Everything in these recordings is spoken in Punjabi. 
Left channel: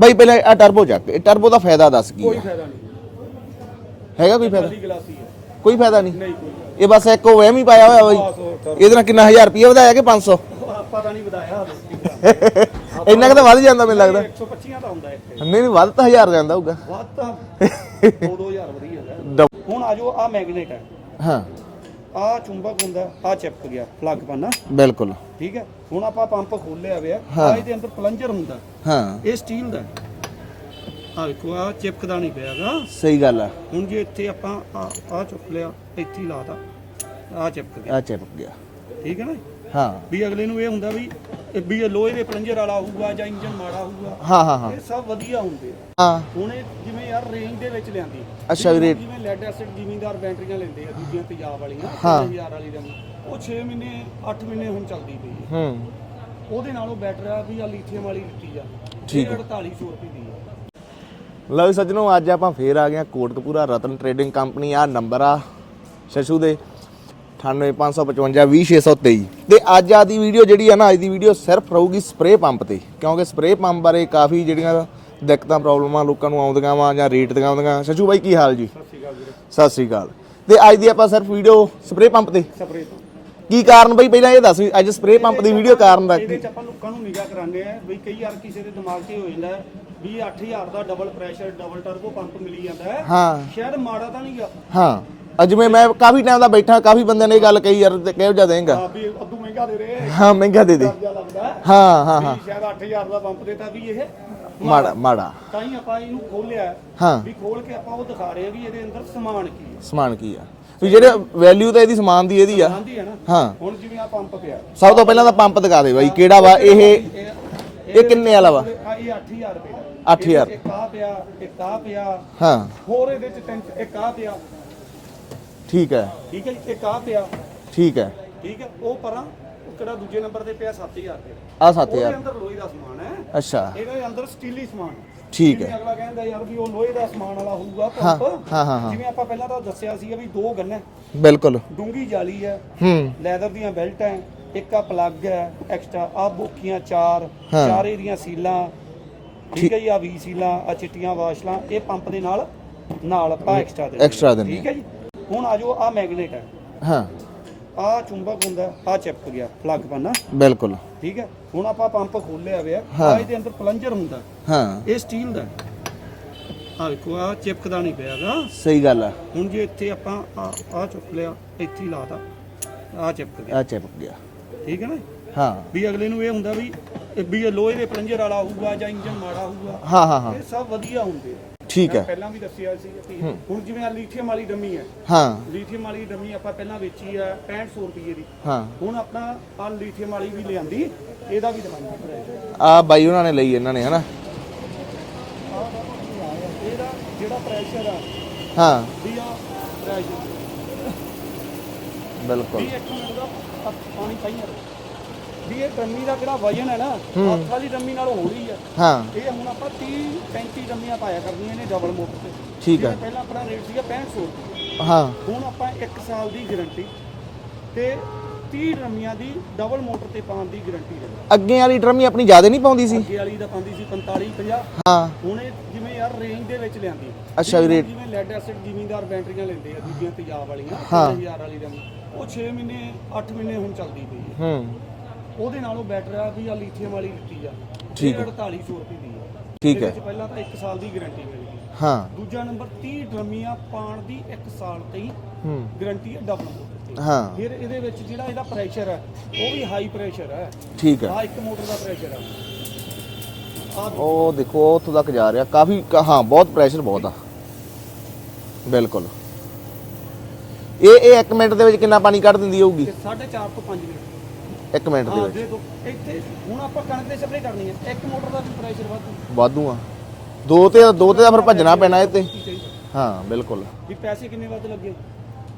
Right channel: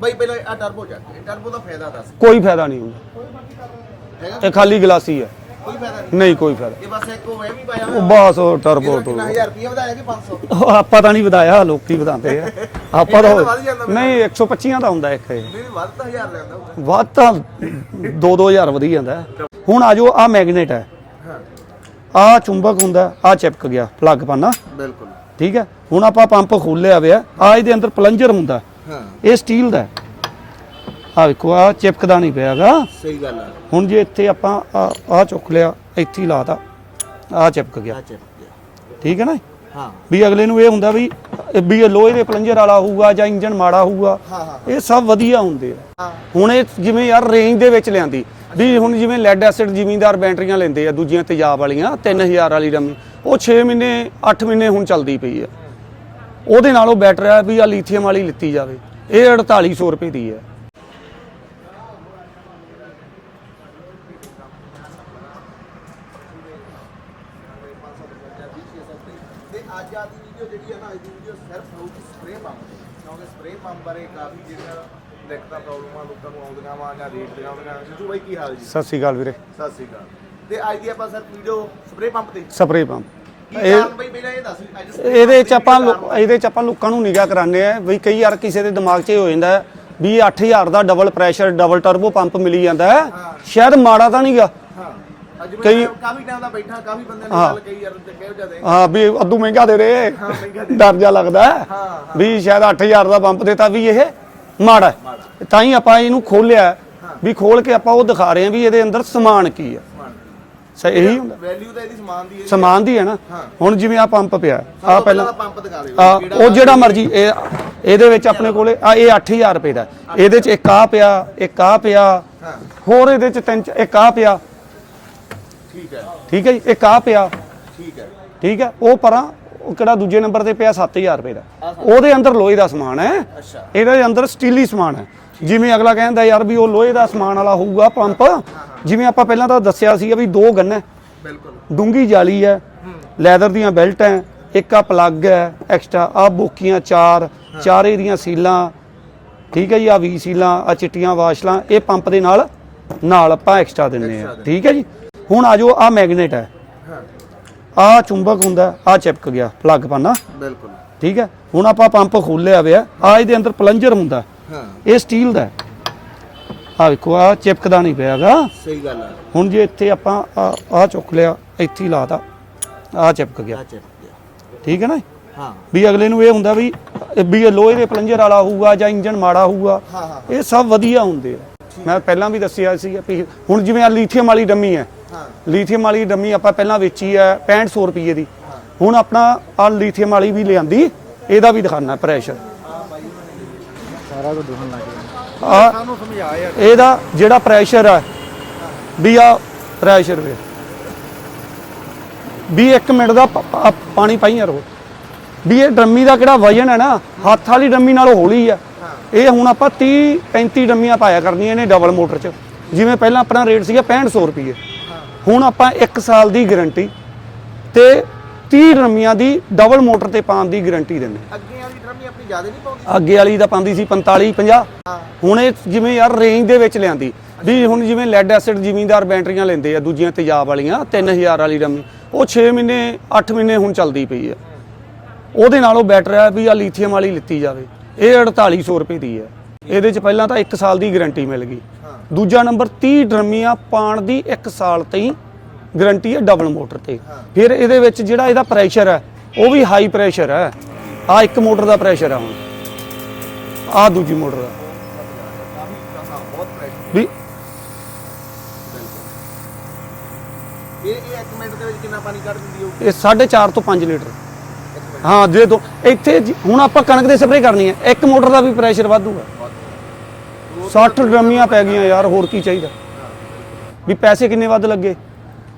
ਬਾਈ ਪਹਿਲਾਂ ਆ ਟਰਬੋ ਚੱਕ। ਇਹ ਟਰਬੋ ਦਾ ਫਾਇਦਾ ਦੱਸ ਕੀ? ਕੋਈ ਫਾਇਦਾ ਨਹੀਂ ਹੁੰਦਾ। ਹੈਗਾ ਇਹ ਕੋਈ ਖਾਲੀ ਗਲਾਸੀ ਹੈ। ਕੋਈ ਫਾਇਦਾ ਨਹੀਂ? ਨਹੀਂ ਕੋਈ ਫਾਇਦਾ। ਇਹ ਬਸ ਇੱਕ ਉਹ ਵਹਿਮ ਹੀ ਪਾਇਆ ਹੋਇਆ ਹੋਵੇ। ਬਸ ਉਹ ਟਰਬੋ ਇਹਦੇ ਨਾਲ ਕਿੰਨਾ 1000 ਰੁਪਏ ਵਧਾਇਆ ਕਿ 500 ਉਹ ਆਪਾਂ ਤਾਂ ਨਹੀਂ ਵਧਾਇਆ ਲੋਕੀ ਵਧਾਉਂਦੇ ਆ। ਆਪਾਂ ਇੰਨਾ ਕੁ ਤਾਂ ਵੱਧ ਜਾਂਦਾ ਮੈਨੂੰ ਨਹੀਂ 125 ਦਾ ਹੁੰਦਾ ਇੱਕ ਇਹ। ਨਹੀਂ ਨਹੀਂ ਵੱਧ ਤਾਂ 1000 ਜਾਂਦਾ ਹੋਊਗਾ। ਵੱਧ ਤਾਂ 2-2000 ਵਧੀ ਜਾਂਦਾ। ਹੈ। ਹੁਣ ਆ ਜੋ ਆ ਮੈਗਨੇਟ ਹੈ। ਹਾਂ। ਆ ਚੁੰਬਕ ਹੁੰਦਾ ਆ ਚਿਪਕ ਗਿਆ ਪਲੱਗ ਪਾਣਾ ਬਿਲਕੁਲ। ਠੀਕ ਹੈ? ਹੁਣ ਆਪਾਂ ਪੰਪ ਖੋਲਿਆ ਹੋਇਆ ਆ ਇਹਦੇ ਅੰਦਰ ਪਲੰਜਰ ਹੁੰਦਾ। ਹਾਂ। ਇਹ ਸਟੀਲ ਦਾ ਆ ਵੇਖੋ ਆ ਚਿਪਕਦਾ ਨਹੀਂ ਪਿਆਗਾ। ਸਹੀ ਗੱਲ ਆ। ਹੁਣ ਜੇ ਇੱਥੇ ਆਪਾਂ ਆ ਚੁੱਕ ਲਿਆ ਇੱਥੇ ਹੀ ਲਾਤਾ। ਆ ਚਿਪਕ ਗਿਆ। ਆ ਚਿਪਕ ਗਿਆ। ਠੀਕ ਹੈ ਨਾ? ਹਾਂ। ਵੀ ਅਗਲੇ ਨੂੰ ਇਹ ਹੁੰਦਾ ਵੀ ਵੀ ਇਹ ਲੋਹੇ ਦੇ ਪਲੰਜਰ ਵਾਲਾ ਹੋਊਗਾ ਜਾਂ ਇੰਜਨ ਮਾੜਾ ਹੋਊਗਾ। ਹਾਂ ਹਾਂ ਹਾਂ। ਇਹ ਸਭ ਵਧੀਆ ਹੁੰਦੇ ਆ। ਹਾਂ। ਹੁਣ ਇਹ ਜਿਵੇਂ ਯਾਰ ਰੇਂਜ ਦੇ ਵਿੱਚ ਲਿਆਂਦੀ। ਵੀ। ਹੁਣ ਜਿਵੇਂ ਲੈਡ ਐਸਿਡ ਜ਼ਿਮੀਂਦਾਰ ਬੈਟਰੀਆਂ ਲੈਂਦੇ ਆ ਦੂਜੀਆਂ ਤੇਜ਼ਾਬ ਵਾਲੀਆਂ 3000 ਵਾਲੀ ਰਮ। ਉਹ 6 ਮਹੀਨੇ 8 ਮਹੀਨੇ ਹੁਣ ਚੱਲਦੀ ਪਈ ਆ। ਹੂੰ। ਉਹਦੇ ਨਾਲੋਂ ਬੈਟਰ ਆ ਵੀ ਆ ਲੀਥੀਅਮ ਵਾਲੀ ਲਿੱਤੀ ਜਾਵੇ। ਇਹ 4800 ਰੁਪਏ ਦੀ ਹੈ। ਲਓ ਸੱਜਣੋ ਅੱਜ ਆਪਾਂ ਫੇਰ ਆ ਗਏ ਹਾਂ ਕੋਟਕਪੂਰਾ ਰਤਨ ਟ੍ਰੇਡਿੰਗ ਕੰਪਨੀ ਆ ਨੰਬਰ ਆ ਸ਼ਸ਼ੂ ਦੇ 9855520623 ਤੇ ਅੱਜ ਆ ਦੀ ਵੀਡੀਓ ਜਿਹੜੀ ਆ ਨਾ ਅੱਜ ਦੀ ਵੀਡੀਓ ਸਿਰਫ ਰਹੂਗੀ ਸਪਰੇ ਪੰਪ ਤੇ ਕਿਉਂਕਿ ਸਪਰੇ ਪੰਪ ਬਾਰੇ ਕਾਫੀ ਜਿਹੜੀਆਂ ਦਿੱਕਤਾਂ ਪ੍ਰੋਬਲਮਾਂ ਲੋਕਾਂ ਨੂੰ ਆਉਂਦੀਆਂ ਵਾ ਜਾਂ ਰੇਟ ਦੀਆਂ ਆਉਂਦੀਆਂ ਸ਼ਸ਼ੂ ਬਾਈ ਕੀ ਹਾਲ ਜੀ? ਸਤਿ ਸ੍ਰੀ ਅਕਾਲ ਵੀਰੇ। ਸਤਿ ਸ੍ਰੀ ਅਕਾਲ। ਤੇ ਅੱਜ ਦੀ ਆਪਾਂ ਸਿਰਫ ਵੀਡੀਓ ਸਪਰੇ ਪੰਪ ਤੇ। ਸਪਰੇ ਪੰਪ ਕੀ ਕਾਰਨ ਬਈ? ਪਹਿਲਾਂ ਇਹ ਦੱਸ ਵੀ ਅੱਜ ਸਪਰੇ ਪੰਪ ਇਹਦੇ ਦੀ ਚ ਵੀਡੀਓ ਕਾਰਨ ਆਪਾਂ ਇਹਦੇ ਚ ਆਪਾਂ ਲੋਕਾਂ ਨੂੰ ਨਿਗਾਹ ਕਰਾਉਂਦੇ ਆ ਵੀ ਕਈ ਵਾਰ ਕਿਸੇ ਦੇ ਦਿਮਾਗ 'ਚ ਇਹ ਹੋ ਜਾਂਦਾ ਹੈ ਵੀ ਇਹ 8000 ਦਾ double pressure double turbo pump ਮਿਲੀ ਜਾਂਦਾ। ਹੈ। ਹਾਂ। ਸ਼ਾਇਦ ਮਾੜਾ ਤਾਂ ਨਹੀਂਗਾ ਹਾਂ। ਅੱਜ ਮੈਂ ਮੈਂ ਕਾਫੀ ਟਾਈਮ ਦਾ ਬੈਠਾ ਕਾਫੀ ਬੰਦਿਆਂ ਨੇ ਇਹ ਗੱਲ ਕਹੀ ਯਾਰ ਤੇ ਕਿਹੋ ਜਿਹਾ ਦੇਂਗਾ? ਹਾਂ ਵੀ ਅੱਧੂ ਮਹਿੰਗਾ ਦੇ ਰਹੇ ਹਾਂ ਮਹਿੰਗਾ ਦੇ ਦੇ। ਡਰ ਜਾ ਲੱਗਦਾ। ਹੈ ਹਾਂ ਹਾਂ। ਵੀ ਸ਼ਾਇਦ 8000 ਦਾ ਪੰਪ ਦੇਤਾ ਵੀ ਇਹ ਮਾੜਾ। ਹੈ। ਮਾੜਾ। ਤਾਂ ਹੀ ਆਪਾਂ ਇਹਨੂੰ ਖੋਲਿਆ ਹਾਂ। ਵੀ ਖੋਲ ਕੇ ਆਪਾਂ ਉਹ ਦਿਖਾ ਰਹੇ ਹਾਂ ਵੀ ਇਹਦੇ ਅੰਦਰ ਸਮਾਨ ਕੀ ਹੈ ਸਮਾਨ ਕੀ ਆ। ਸਹੀ ਜਿਹੜੇ ਵੈਲਿਊ ਤਾਂ ਇਹਦੀ ਸਮਾਨ ਦੀ ਇਹਦੀ ਸਮਾਨ ਦੀ ਹੈ ਨਾ। ਹੁਣ ਜਿਵੇਂ ਆ ਪੰਪ ਪਿਆ। ਸਭ ਤੋਂ ਪਹਿਲਾਂ ਤਾਂ ਪੰਪ ਦਿਖਾ ਦੇ ਬਈ ਕਿਹੜਾ ਉਹ ਵਾ ਜਿਹੜਾ ਮਰਜ਼ੀ ਇਹ ਇਹਦੇ ਵਿੱਚ ਆਪਣੇ? ਕੋਲੇ ਆ ਇਹ 8000 ਰੁਪਏ ਦਾ ਇਹਦੇ ਚ ਹਜ਼ਾਰ। ਇੱਕ ਆ ਪਿਆ ਇੱਕ ਆ ਪਿਆ। ਹਾਂ। ਹੋਰ ਇਹਦੇ ਚ ਤਿੰਨ ਇੱਕ ਆ ਪਿਆ। ਠੀਕ ਹੈ। ਠੀਕ ਹੈ ਜੀ ਇੱਕ ਆ ਪਿਆ। ਠੀਕ ਹੈ। ਠੀਕ ਹੈ ਉਹ ਪਰਾਂ ਉਹ ਕਿਹੜਾ ਦੂਜੇ ਨੰਬਰ ਤੇ ਪਿਆ? 7000 ਰੁਪਏ ਦਾ। ਉਹਦੇ ਅੰਦਰ ਲੋਹੇ ਦਾ ਸਮਾਨ ਹੈ। ਅੱਛਾ। ਇਹਦੇ ਅੰਦਰ ਸਟੀਲੀ ਸਮਾਨ ਹੈ। ਜਿਵੇਂ ਅਗਲਾ ਕਹਿੰਦਾ ਯਾਰ ਵੀ ਉਹ ਲੋਹੇ ਦਾ ਸਮਾਨ ਵਾਲਾ ਹੋਊਗਾ ਪੰਪ। ਜਿਵੇਂ ਆਪਾਂ ਪਹਿਲਾਂ ਤਾਂ ਦੱਸਿਆ ਸੀ ਵੀ ਦੋ ਗੰਨ। ਹੈ ਬਿਲਕੁਲ। ਡੂੰਗੀ ਜਾਲੀ ਹੈ। ਹੂੰ। ਲੈਦਰ ਦੀਆਂ ਬੈਲਟ ਇੱਕ ਆ ਪਲੱਗ ਹੈ ਐਕਸਟਰਾ। ਆ ਬੋਕੀਆਂ ਚਾਰ ਚਾਰੇ ਦੀਆਂ ਸੀਲਾਂ। ਠੀਕ ਹੈ ਜੀ ਆ ਵੀ ਸੀਲਾਂ ਆ ਚਿੱਟੀਆਂ ਵਾਸ਼ਲਾਂ। ਇਹ ਪੰਪ ਦੇ ਨਾਲ ਨਾਲ ਆਪਾਂ ਐਕਸਟਰਾ ਦਿੰਦੇ ਹਾਂ। ਠੀਕ ਹੈ ਜੀ। ਹੁਣ ਆ ਜੋ ਆ ਮੈਗਨੇਟ ਹੈ। ਹਾਂ। ਆ ਚੁੰਬਕ ਹੁੰਦਾ ਆ ਚਿਪਕ ਗਿਆ ਪਲੱਗ ਪਾਣਾ ਬਿਲਕੁਲ। ਠੀਕ ਹੈ? ਹੁਣ ਆਪਾਂ ਪੰਪ ਖੋਲਿਆ ਹੋਇਆ ਆ। ਇਹਦੇ ਅੰਦਰ ਪਲੰਜਰ ਹੁੰਦਾ। ਹਾਂ। ਇਹ ਸਟੀਲ ਦਾ ਆ ਵੇਖੋ ਆ ਚਿਪਕਦਾ ਨਹੀਂ ਪਿਆਗਾ ਸਹੀ ਗੱਲ ਆ। ਹੁਣ ਜੇ ਇੱਥੇ ਆਪਾਂ ਆ ਚੁੱਕ ਲਿਆ ਇੱਥੇ ਹੀ ਲਾਤਾ। ਆ ਚਿਪਕ ਗਿਆ। ਆ ਚਿਪਕ ਗਿਆ। ਠੀਕ ਹੈ ਨਾ ਹਾਂ। ਵੀ ਅਗਲੇ ਨੂੰ ਇਹ ਹੁੰਦਾ ਵੀ ਵੀ ਇਹ ਲੋਹੇ ਦੇ ਪਲੰਜਰ ਵਾਲਾ ਹੋਊਗਾ ਜਾਂ ਇੰਜਨ ਮਾੜਾ ਹੋਊਗਾ। ਹਾਂ ਹਾਂ। ਇਹ ਸਭ ਵਧੀਆ ਹੁੰਦੇ ਆ। ਠੀਕ ਮੈਂ ਹੈ। ਪਹਿਲਾਂ ਵੀ ਦੱਸਿਆ ਸੀ ਵੀ ਹੁਣ ਜਿਵੇਂ ਆ ਲੀਥੀਅਮ ਵਾਲੀ ਡੰਮੀ ਹੈ। ਹਾਂ। ਲੀਥੀਅਮ ਵਾਲੀ ਡੰਮੀ ਆਪਾਂ ਪਹਿਲਾਂ ਵੇਚੀ ਹੈ 6500 ਰੁਪਏ ਦੀ। ਹਾਂ। ਹੁਣ ਆਪਣਾ ਆ ਲੀਥੀਅਮ ਵਾਲੀ ਵੀ ਲਿਆਂਦੀ ਇਹਦਾ ਵੀ ਦਿਖਾਣਾ ਪ੍ਰੈਸ਼ਰ ਆ ਬਾਈ ਉਹਨਾਂ ਨੇ ਲਈ ਇਹਨਾਂ ਨੇ ਹਨਾ? ਆ ਇਹਦਾ ਜਿਹੜਾ ਪ੍ਰੈਸ਼ਰ ਆ ਹਾਂ। ਵੀ ਆ ਪ੍ਰੈਸ਼ਰ ਵੇ। ਵੀ 1 ਮਿੰਟ ਦਾ ਪ- ਪ- ਪਾਣੀ ਪਾਈ ਯਾਰ ਉਹ। ਵੀ ਇਹ ਡਰਮੀ ਦਾ ਕਿਹੜਾ ਵਜਨ ਹੈ ਨਾ ਹੱਥ ਵਾਲੀ ਡਰਮੀ ਨਾਲੋਂ ਹੌਲੀ ਆ। ਹਾਂ। ਇਹ ਹੁਣ ਆਪਾਂ 30 35 ਡਰਮੀਆਂ ਪਾਇਆ ਕਰਨੀਆਂ ਨੇ ਡਬਲ ਮੋਟਰ 'ਚ। ਜਿਵੇਂ ਪਹਿਲਾਂ ਆਪਣਾ ਰੇਟ ਸੀਗਾ 6500 ਰੁਪਏ ਹਾਂ। ਹੁਣ ਆਪਾਂ 1 ਸਾਲ ਦੀ ਗਾਰੰਟੀ ਤੇ 30 ਡਰਮੀਆਂ ਦੀ ਡਬਲ ਮੋਟਰ ਤੇ ਪਾਉਣ ਦੀ ਗਾਰੰਟੀ ਦਿੰਦੇ ਅੱਗੇ ਵਾਲੀ ਡਰਮੀ ਆਪਣੀ ਜ਼ਿਆਦਾ ਨਹੀਂ ਪਾਉਂਦੀ ਸੀ? ਅੱਗੇ ਵਾਲੀ ਦਾ ਪਾਉਂਦੀ ਸੀ 45 50 ਹਾਂ। ਹੁਣ ਇਹ ਜਿਵੇਂ ਯਾਰ ਰੇਂਜ ਦੇ ਵਿੱਚ ਲਿਆਂਦੀ। ਵੀ। ਹੁਣ ਜਿਵੇਂ ਲੈਡ ਐਸਿਡ ਜ਼ਿਮੀਂਦਾਰ ਬੈਟਰੀਆਂ ਲੈਂਦੇ ਆ ਦੂਜੀਆਂ ਤੇਜ਼ਾਬ ਵਾਲੀਆਂ 3000 ਵਾਲੀ ਰਮ ਉਹ 6 ਮਹੀਨੇ 8 ਮਹੀਨੇ ਹੁਣ ਚੱਲਦੀ ਪਈ ਆ। ਹੂੰ। ਉਹਦੇ ਨਾਲੋਂ ਬੈਟਰ ਹੈ ਵੀ ਆ ਲੀਥੀਅਮ ਵਾਲੀ ਲਿੱਤੀ ਜਾਵੇ। ਇਹ 4800 ਰੁਪਏ ਦੀ ਹੈ। ਇਹਦੇ ਚ ਪਹਿਲਾਂ ਤਾਂ 1 ਸਾਲ ਦੀ ਗਾਰੰਟੀ ਮਿਲ ਗਈ। ਹਾਂ। ਦੂਜਾ ਨੰਬਰ 30 ਡਰਮੀਆਂ ਪਾਣ ਦੀ 1 ਸਾਲ ਤਾਈਂ ਗਾਰੰਟੀ ਹੈ ਡਬਲ ਮੋਟਰ ਤੇ। ਹਾਂ। ਫਿਰ ਇਹਦੇ ਵਿੱਚ ਜਿਹੜਾ ਇਹਦਾ ਪ੍ਰੈਸ਼ਰ ਹੈ ਉਹ ਵੀ ਹਾਈ ਪ੍ਰੈਸ਼ਰ ਹੈ। ਠੀਕ ਹੈ। ਆ ਇੱਕ ਮੋਟਰ ਦਾ ਪ੍ਰੈਸ਼ਰ ਆ ਹੁਣ। ਆ ਦੂਜੀ ਮੋਟਰ ਦੇਖੋ ਉੱਥੋਂ ਤੱਕ ਜਾ ਰਿਹਾ। ਕਾਫੀ ਹਾਂ ਬਹੁਤ ਪ੍ਰੈਸ਼ਰ ਬਹੁਤ ਆ। ਬਿਲਕੁਲ। ਇਹ ਇਹ 1 ਮਿੰਟ ਦੇ ਵਿੱਚ ਕਿੰਨਾ ਪਾਣੀ ਕੱਢ ਦਿੰਦੀ ਹੋਊਗੀ? ਇਹ 4.5 ਤੋਂ 5 ਲੀਟਰ। 1 ਮਿੰਟ ਹਾਂ ਜੇ ਦੋ ਇੱਥੇ ਜੀ- ਹੁਣ ਆਪਾਂ ਕਣਕ ਦੇ ਸਪਰੇ ਕਰਨੀ ਹੈ। ਇੱਕ ਮੋਟਰ ਦਾ ਵੀ ਪ੍ਰੈਸ਼ਰ ਵਾਧੂਗਾ। ਵਾਧੂ ਆ ਦੋ ਤੇ 60 ਦੋ ਤੇ ਡਰਮੀਆਂ ਆਪਾਂ ਭੱਜਣਾ ਪੈਣੀਆਂ ਯਾਰ ਪੈਣਾ ਹੋਰ ਕੀ ਚਾਹੀਦਾ? ਹਾਂ ਬਿਲਕੁਲ। ਵੀ ਪੈਸੇ ਕਿੰਨੇ ਵੱਧ ਲੱਗੇ?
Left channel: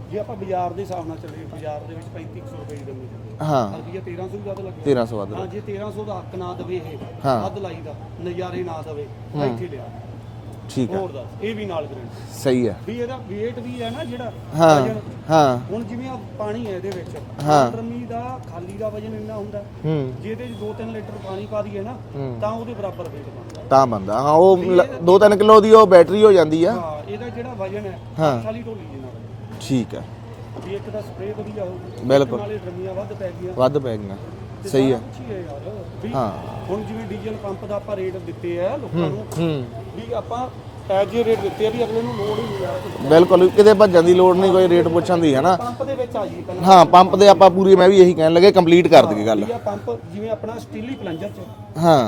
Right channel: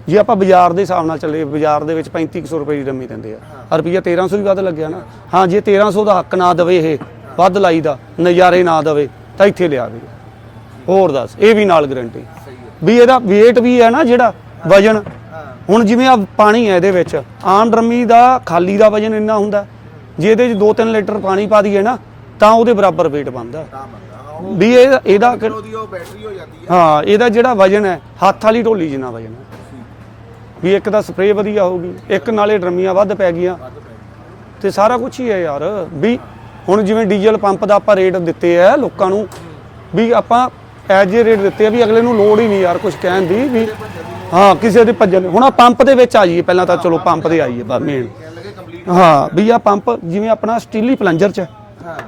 ਜੇ ਆਪਾਂ ਬਾਜ਼ਾਰ ਦੇ ਹਿਸਾਬ ਨਾਲ ਚੱਲੇ ਬਾਜ਼ਾਰ ਦੇ ਵਿੱਚ 3500 ਰੁਪਏ ਦੀ ਡੰਮੀ ਦਿੰਦੇ ਆ। ਹਾਂ। ਰੁਪਈਆ 1300 ਵੀ ਵੱਧ ਲੱਗਿਆ ਨਾ। 1300 ਵੱਧ। ਹਾਂ ਜੇ 1300 ਦਾ ਹੱਕ ਨਾ ਦਵੇ ਇਹ ਵੱਧ ਲਾਈ ਦਾ ਨਜ਼ਾਰੇ ਨਾ ਦਵੇ ਤਾਂ ਇੱਥੇ ਲਿਆ ਵੀ ਠੀਕ ਹੋਰ ਦੱਸ ਇਹ ਵੀ ਨਾਲ ਗਾਰੰਟੀ ਸਹੀ ਹੈ। ਵੀ ਇਹਦਾ weight ਵੀ ਹੈ ਨਾ ਜਿਹੜਾ ਵਜਨ। ਹਾਂ। ਹੁਣ ਜਿਵੇਂ ਆ ਪਾਣੀ ਹੈ ਇਹਦੇ ਵਿੱਚ ਆਮ ਡਰਮੀ ਦਾ ਖਾਲੀ ਦਾ ਵਜਨ ਇੰਨਾ ਹੁੰਦਾ। ਹੂੰ। ਜੇ ਇਹਦੇ ਚ 2-3 ਲੀਟਰ ਪਾਣੀ ਪਾ ਦਈਏ ਨਾ ਤਾਂ ਉਹਦੇ ਬਰਾਬਰ weight ਬਣਦਾ। ਤਾਂ ਬੰਦਾ ਹਾਂ ਉਹ ਵੀ ਇਹ- 2 ਕਿਲੋ ਦੀ ਉਹ ਬੈਟਰੀ ਹੋ ਜਾਂਦੀ ਆ। ਹਾਂ ਇਹਦਾ ਜਿਹੜਾ ਵਜਨ ਹੈ ਹੱਥ ਵਾਲੀ ਢੋਲੀ ਜਿੰਨਾ ਵਜਨ ਹੈ। ਠੀਕ ਆ ਵੀ ਇੱਕ ਤਾਂ ਸਪਰੇਅ ਵਧੀਆ ਹੋਊਗੀ ਇੱਕ ਨਾਲੇ ਡਰਮੀਆਂ ਵੱਧ ਪੈ ਗਈਆਂ। ਵੱਧ ਪੈ ਗਈਆਂ। ਤੇ ਸਾਰਾ ਕੁਝ ਹੀ ਹੈ ਯਾਰ ਵੀ ਹਾਂ। ਹੁਣ ਜਿਵੇਂ ਡੀਜ਼ਲ ਪੰਪ ਦਾ ਆਪਾਂ ਰੇਟ ਦਿੱਤੇ ਆ ਲੋਕਾਂ ਨੂੰ ਹੂੰ। ਵੀ ਆਪਾਂ ਐਜ ਰੇਟ ਦਿੱਤੇ ਆ ਵੀ ਅਗਲੇ ਨੂੰ ਲੋੜ ਹੀ ਨਹੀਂ ਯਾਰ ਕੁਝ ਕਹਿਣ ਬਿਲਕੁਲ ਦੀ। ਕਿਤੇ ਭੱਜਣ ਦੀ ਲੋੜ ਹਾਂ ਕਿਸੇ ਦੇ ਭੱਜਣ ਦੀ, ਹੁਣ ਆ। ਪੰਪ ਦੇ ਵਿੱਚ ਆ ਜਾਈਏ ਪਹਿਲਾਂ ਤਾਂ ਚਲੋ ਪੰਪ ਦੇ ਦੇ ਆਪਾਂ ਪੂਰੀ ਮੈਂ ਵੀ ਇਹੀ ਕਹਿਣ ਲੱਗੇ ਕੰਪਲੀਟ ਕਰ ਹਾਂ ਵੀ ਆ ਪੰਪ ਜਿਵੇਂ ਆਪਣਾ ਸਟੀਲੀ ਪਲੰਜਰ ਚ ਹੈ,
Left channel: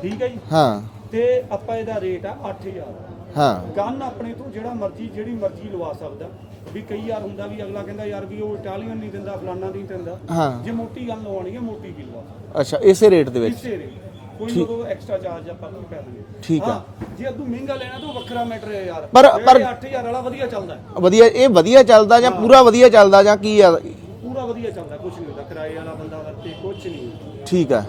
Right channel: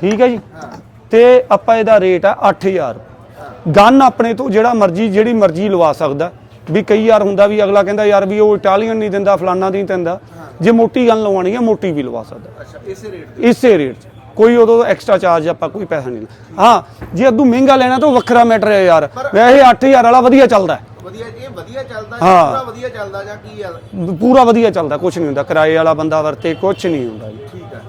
ਠੀਕ ਹੈ ਜੀ? ਹਾਂ। ਤੇ ਆਪਾਂ ਇਹਦਾ ਰੇਟ ਆ 8000 ਹਾਂ। ਗਨ ਆਪਣੇ ਤੋਂ ਜਿਹੜਾ ਮਰਜ਼ੀ ਜਿਹੜੀ ਮਰਜ਼ੀ ਲਵਾ ਸਕਦਾ। ਵੀ ਕਈ ਵਾਰ ਹੁੰਦਾ ਵੀ ਅਗਲਾ ਕਹਿੰਦਾ ਯਾਰ ਵੀ ਉਹ ਇਟਾਲੀਅਨ ਨਹੀਂ ਦਿੰਦਾ ਫਲਾਨਾ ਨਹੀਂ ਦਿੰਦਾ। ਜੇ ਮੋਟੀ ਗਨ ਲਵਾਉਣੀ ਹੈ ਮੋਟੀ ਵੀ ਲਵਾ ਸਕਦਾ। ਅੱਛਾ ਇਸੇ ਰੇਟ ਦੇ ਵਿੱਚ? ਇਸੇ ਰੇਟ ਕੋਈ ਉਦੋਂ ਐਕਸਟਰਾ ਚਾਰਜ ਆਪਾਂ ਕੋਈ ਪੈਸਾ ਨਹੀਂ ਲੈਣਾ। ਹਾਂ ਜੇ ਅੱਧੂ ਮਹਿੰਗਾ ਲੈਣਾ ਤਾਂ ਉਹ ਵੱਖਰਾ ਮੈਟਰ ਹੈ ਯਾਰ। ਪਰ- ਮੈਂ ਇਹ 8000 ਵਾਲਾ ਵਧੀਆ ਚੱਲਦਾ ਹੈ। ਵਧੀਆ ਇਹ ਵਧੀਆ ਚੱਲਦਾ ਜਾਂ ਪੂਰਾ ਵਧੀਆ ਚੱਲਦਾ ਜਾਂ ਕੀ ਆ? ਪੂਰਾ ਵਧੀਆ ਚੱਲਦਾ ਕੁਝ ਨਹੀਂ ਹੁੰਦਾ। ਕਿਰਾਏ ਵਾਲਾ ਬੰਦਾ ਵਰਤੇ ਕੁਝ ਨਹੀਂ ਹੁੰਦਾ ਜੀ। ਠੀਕ ਆ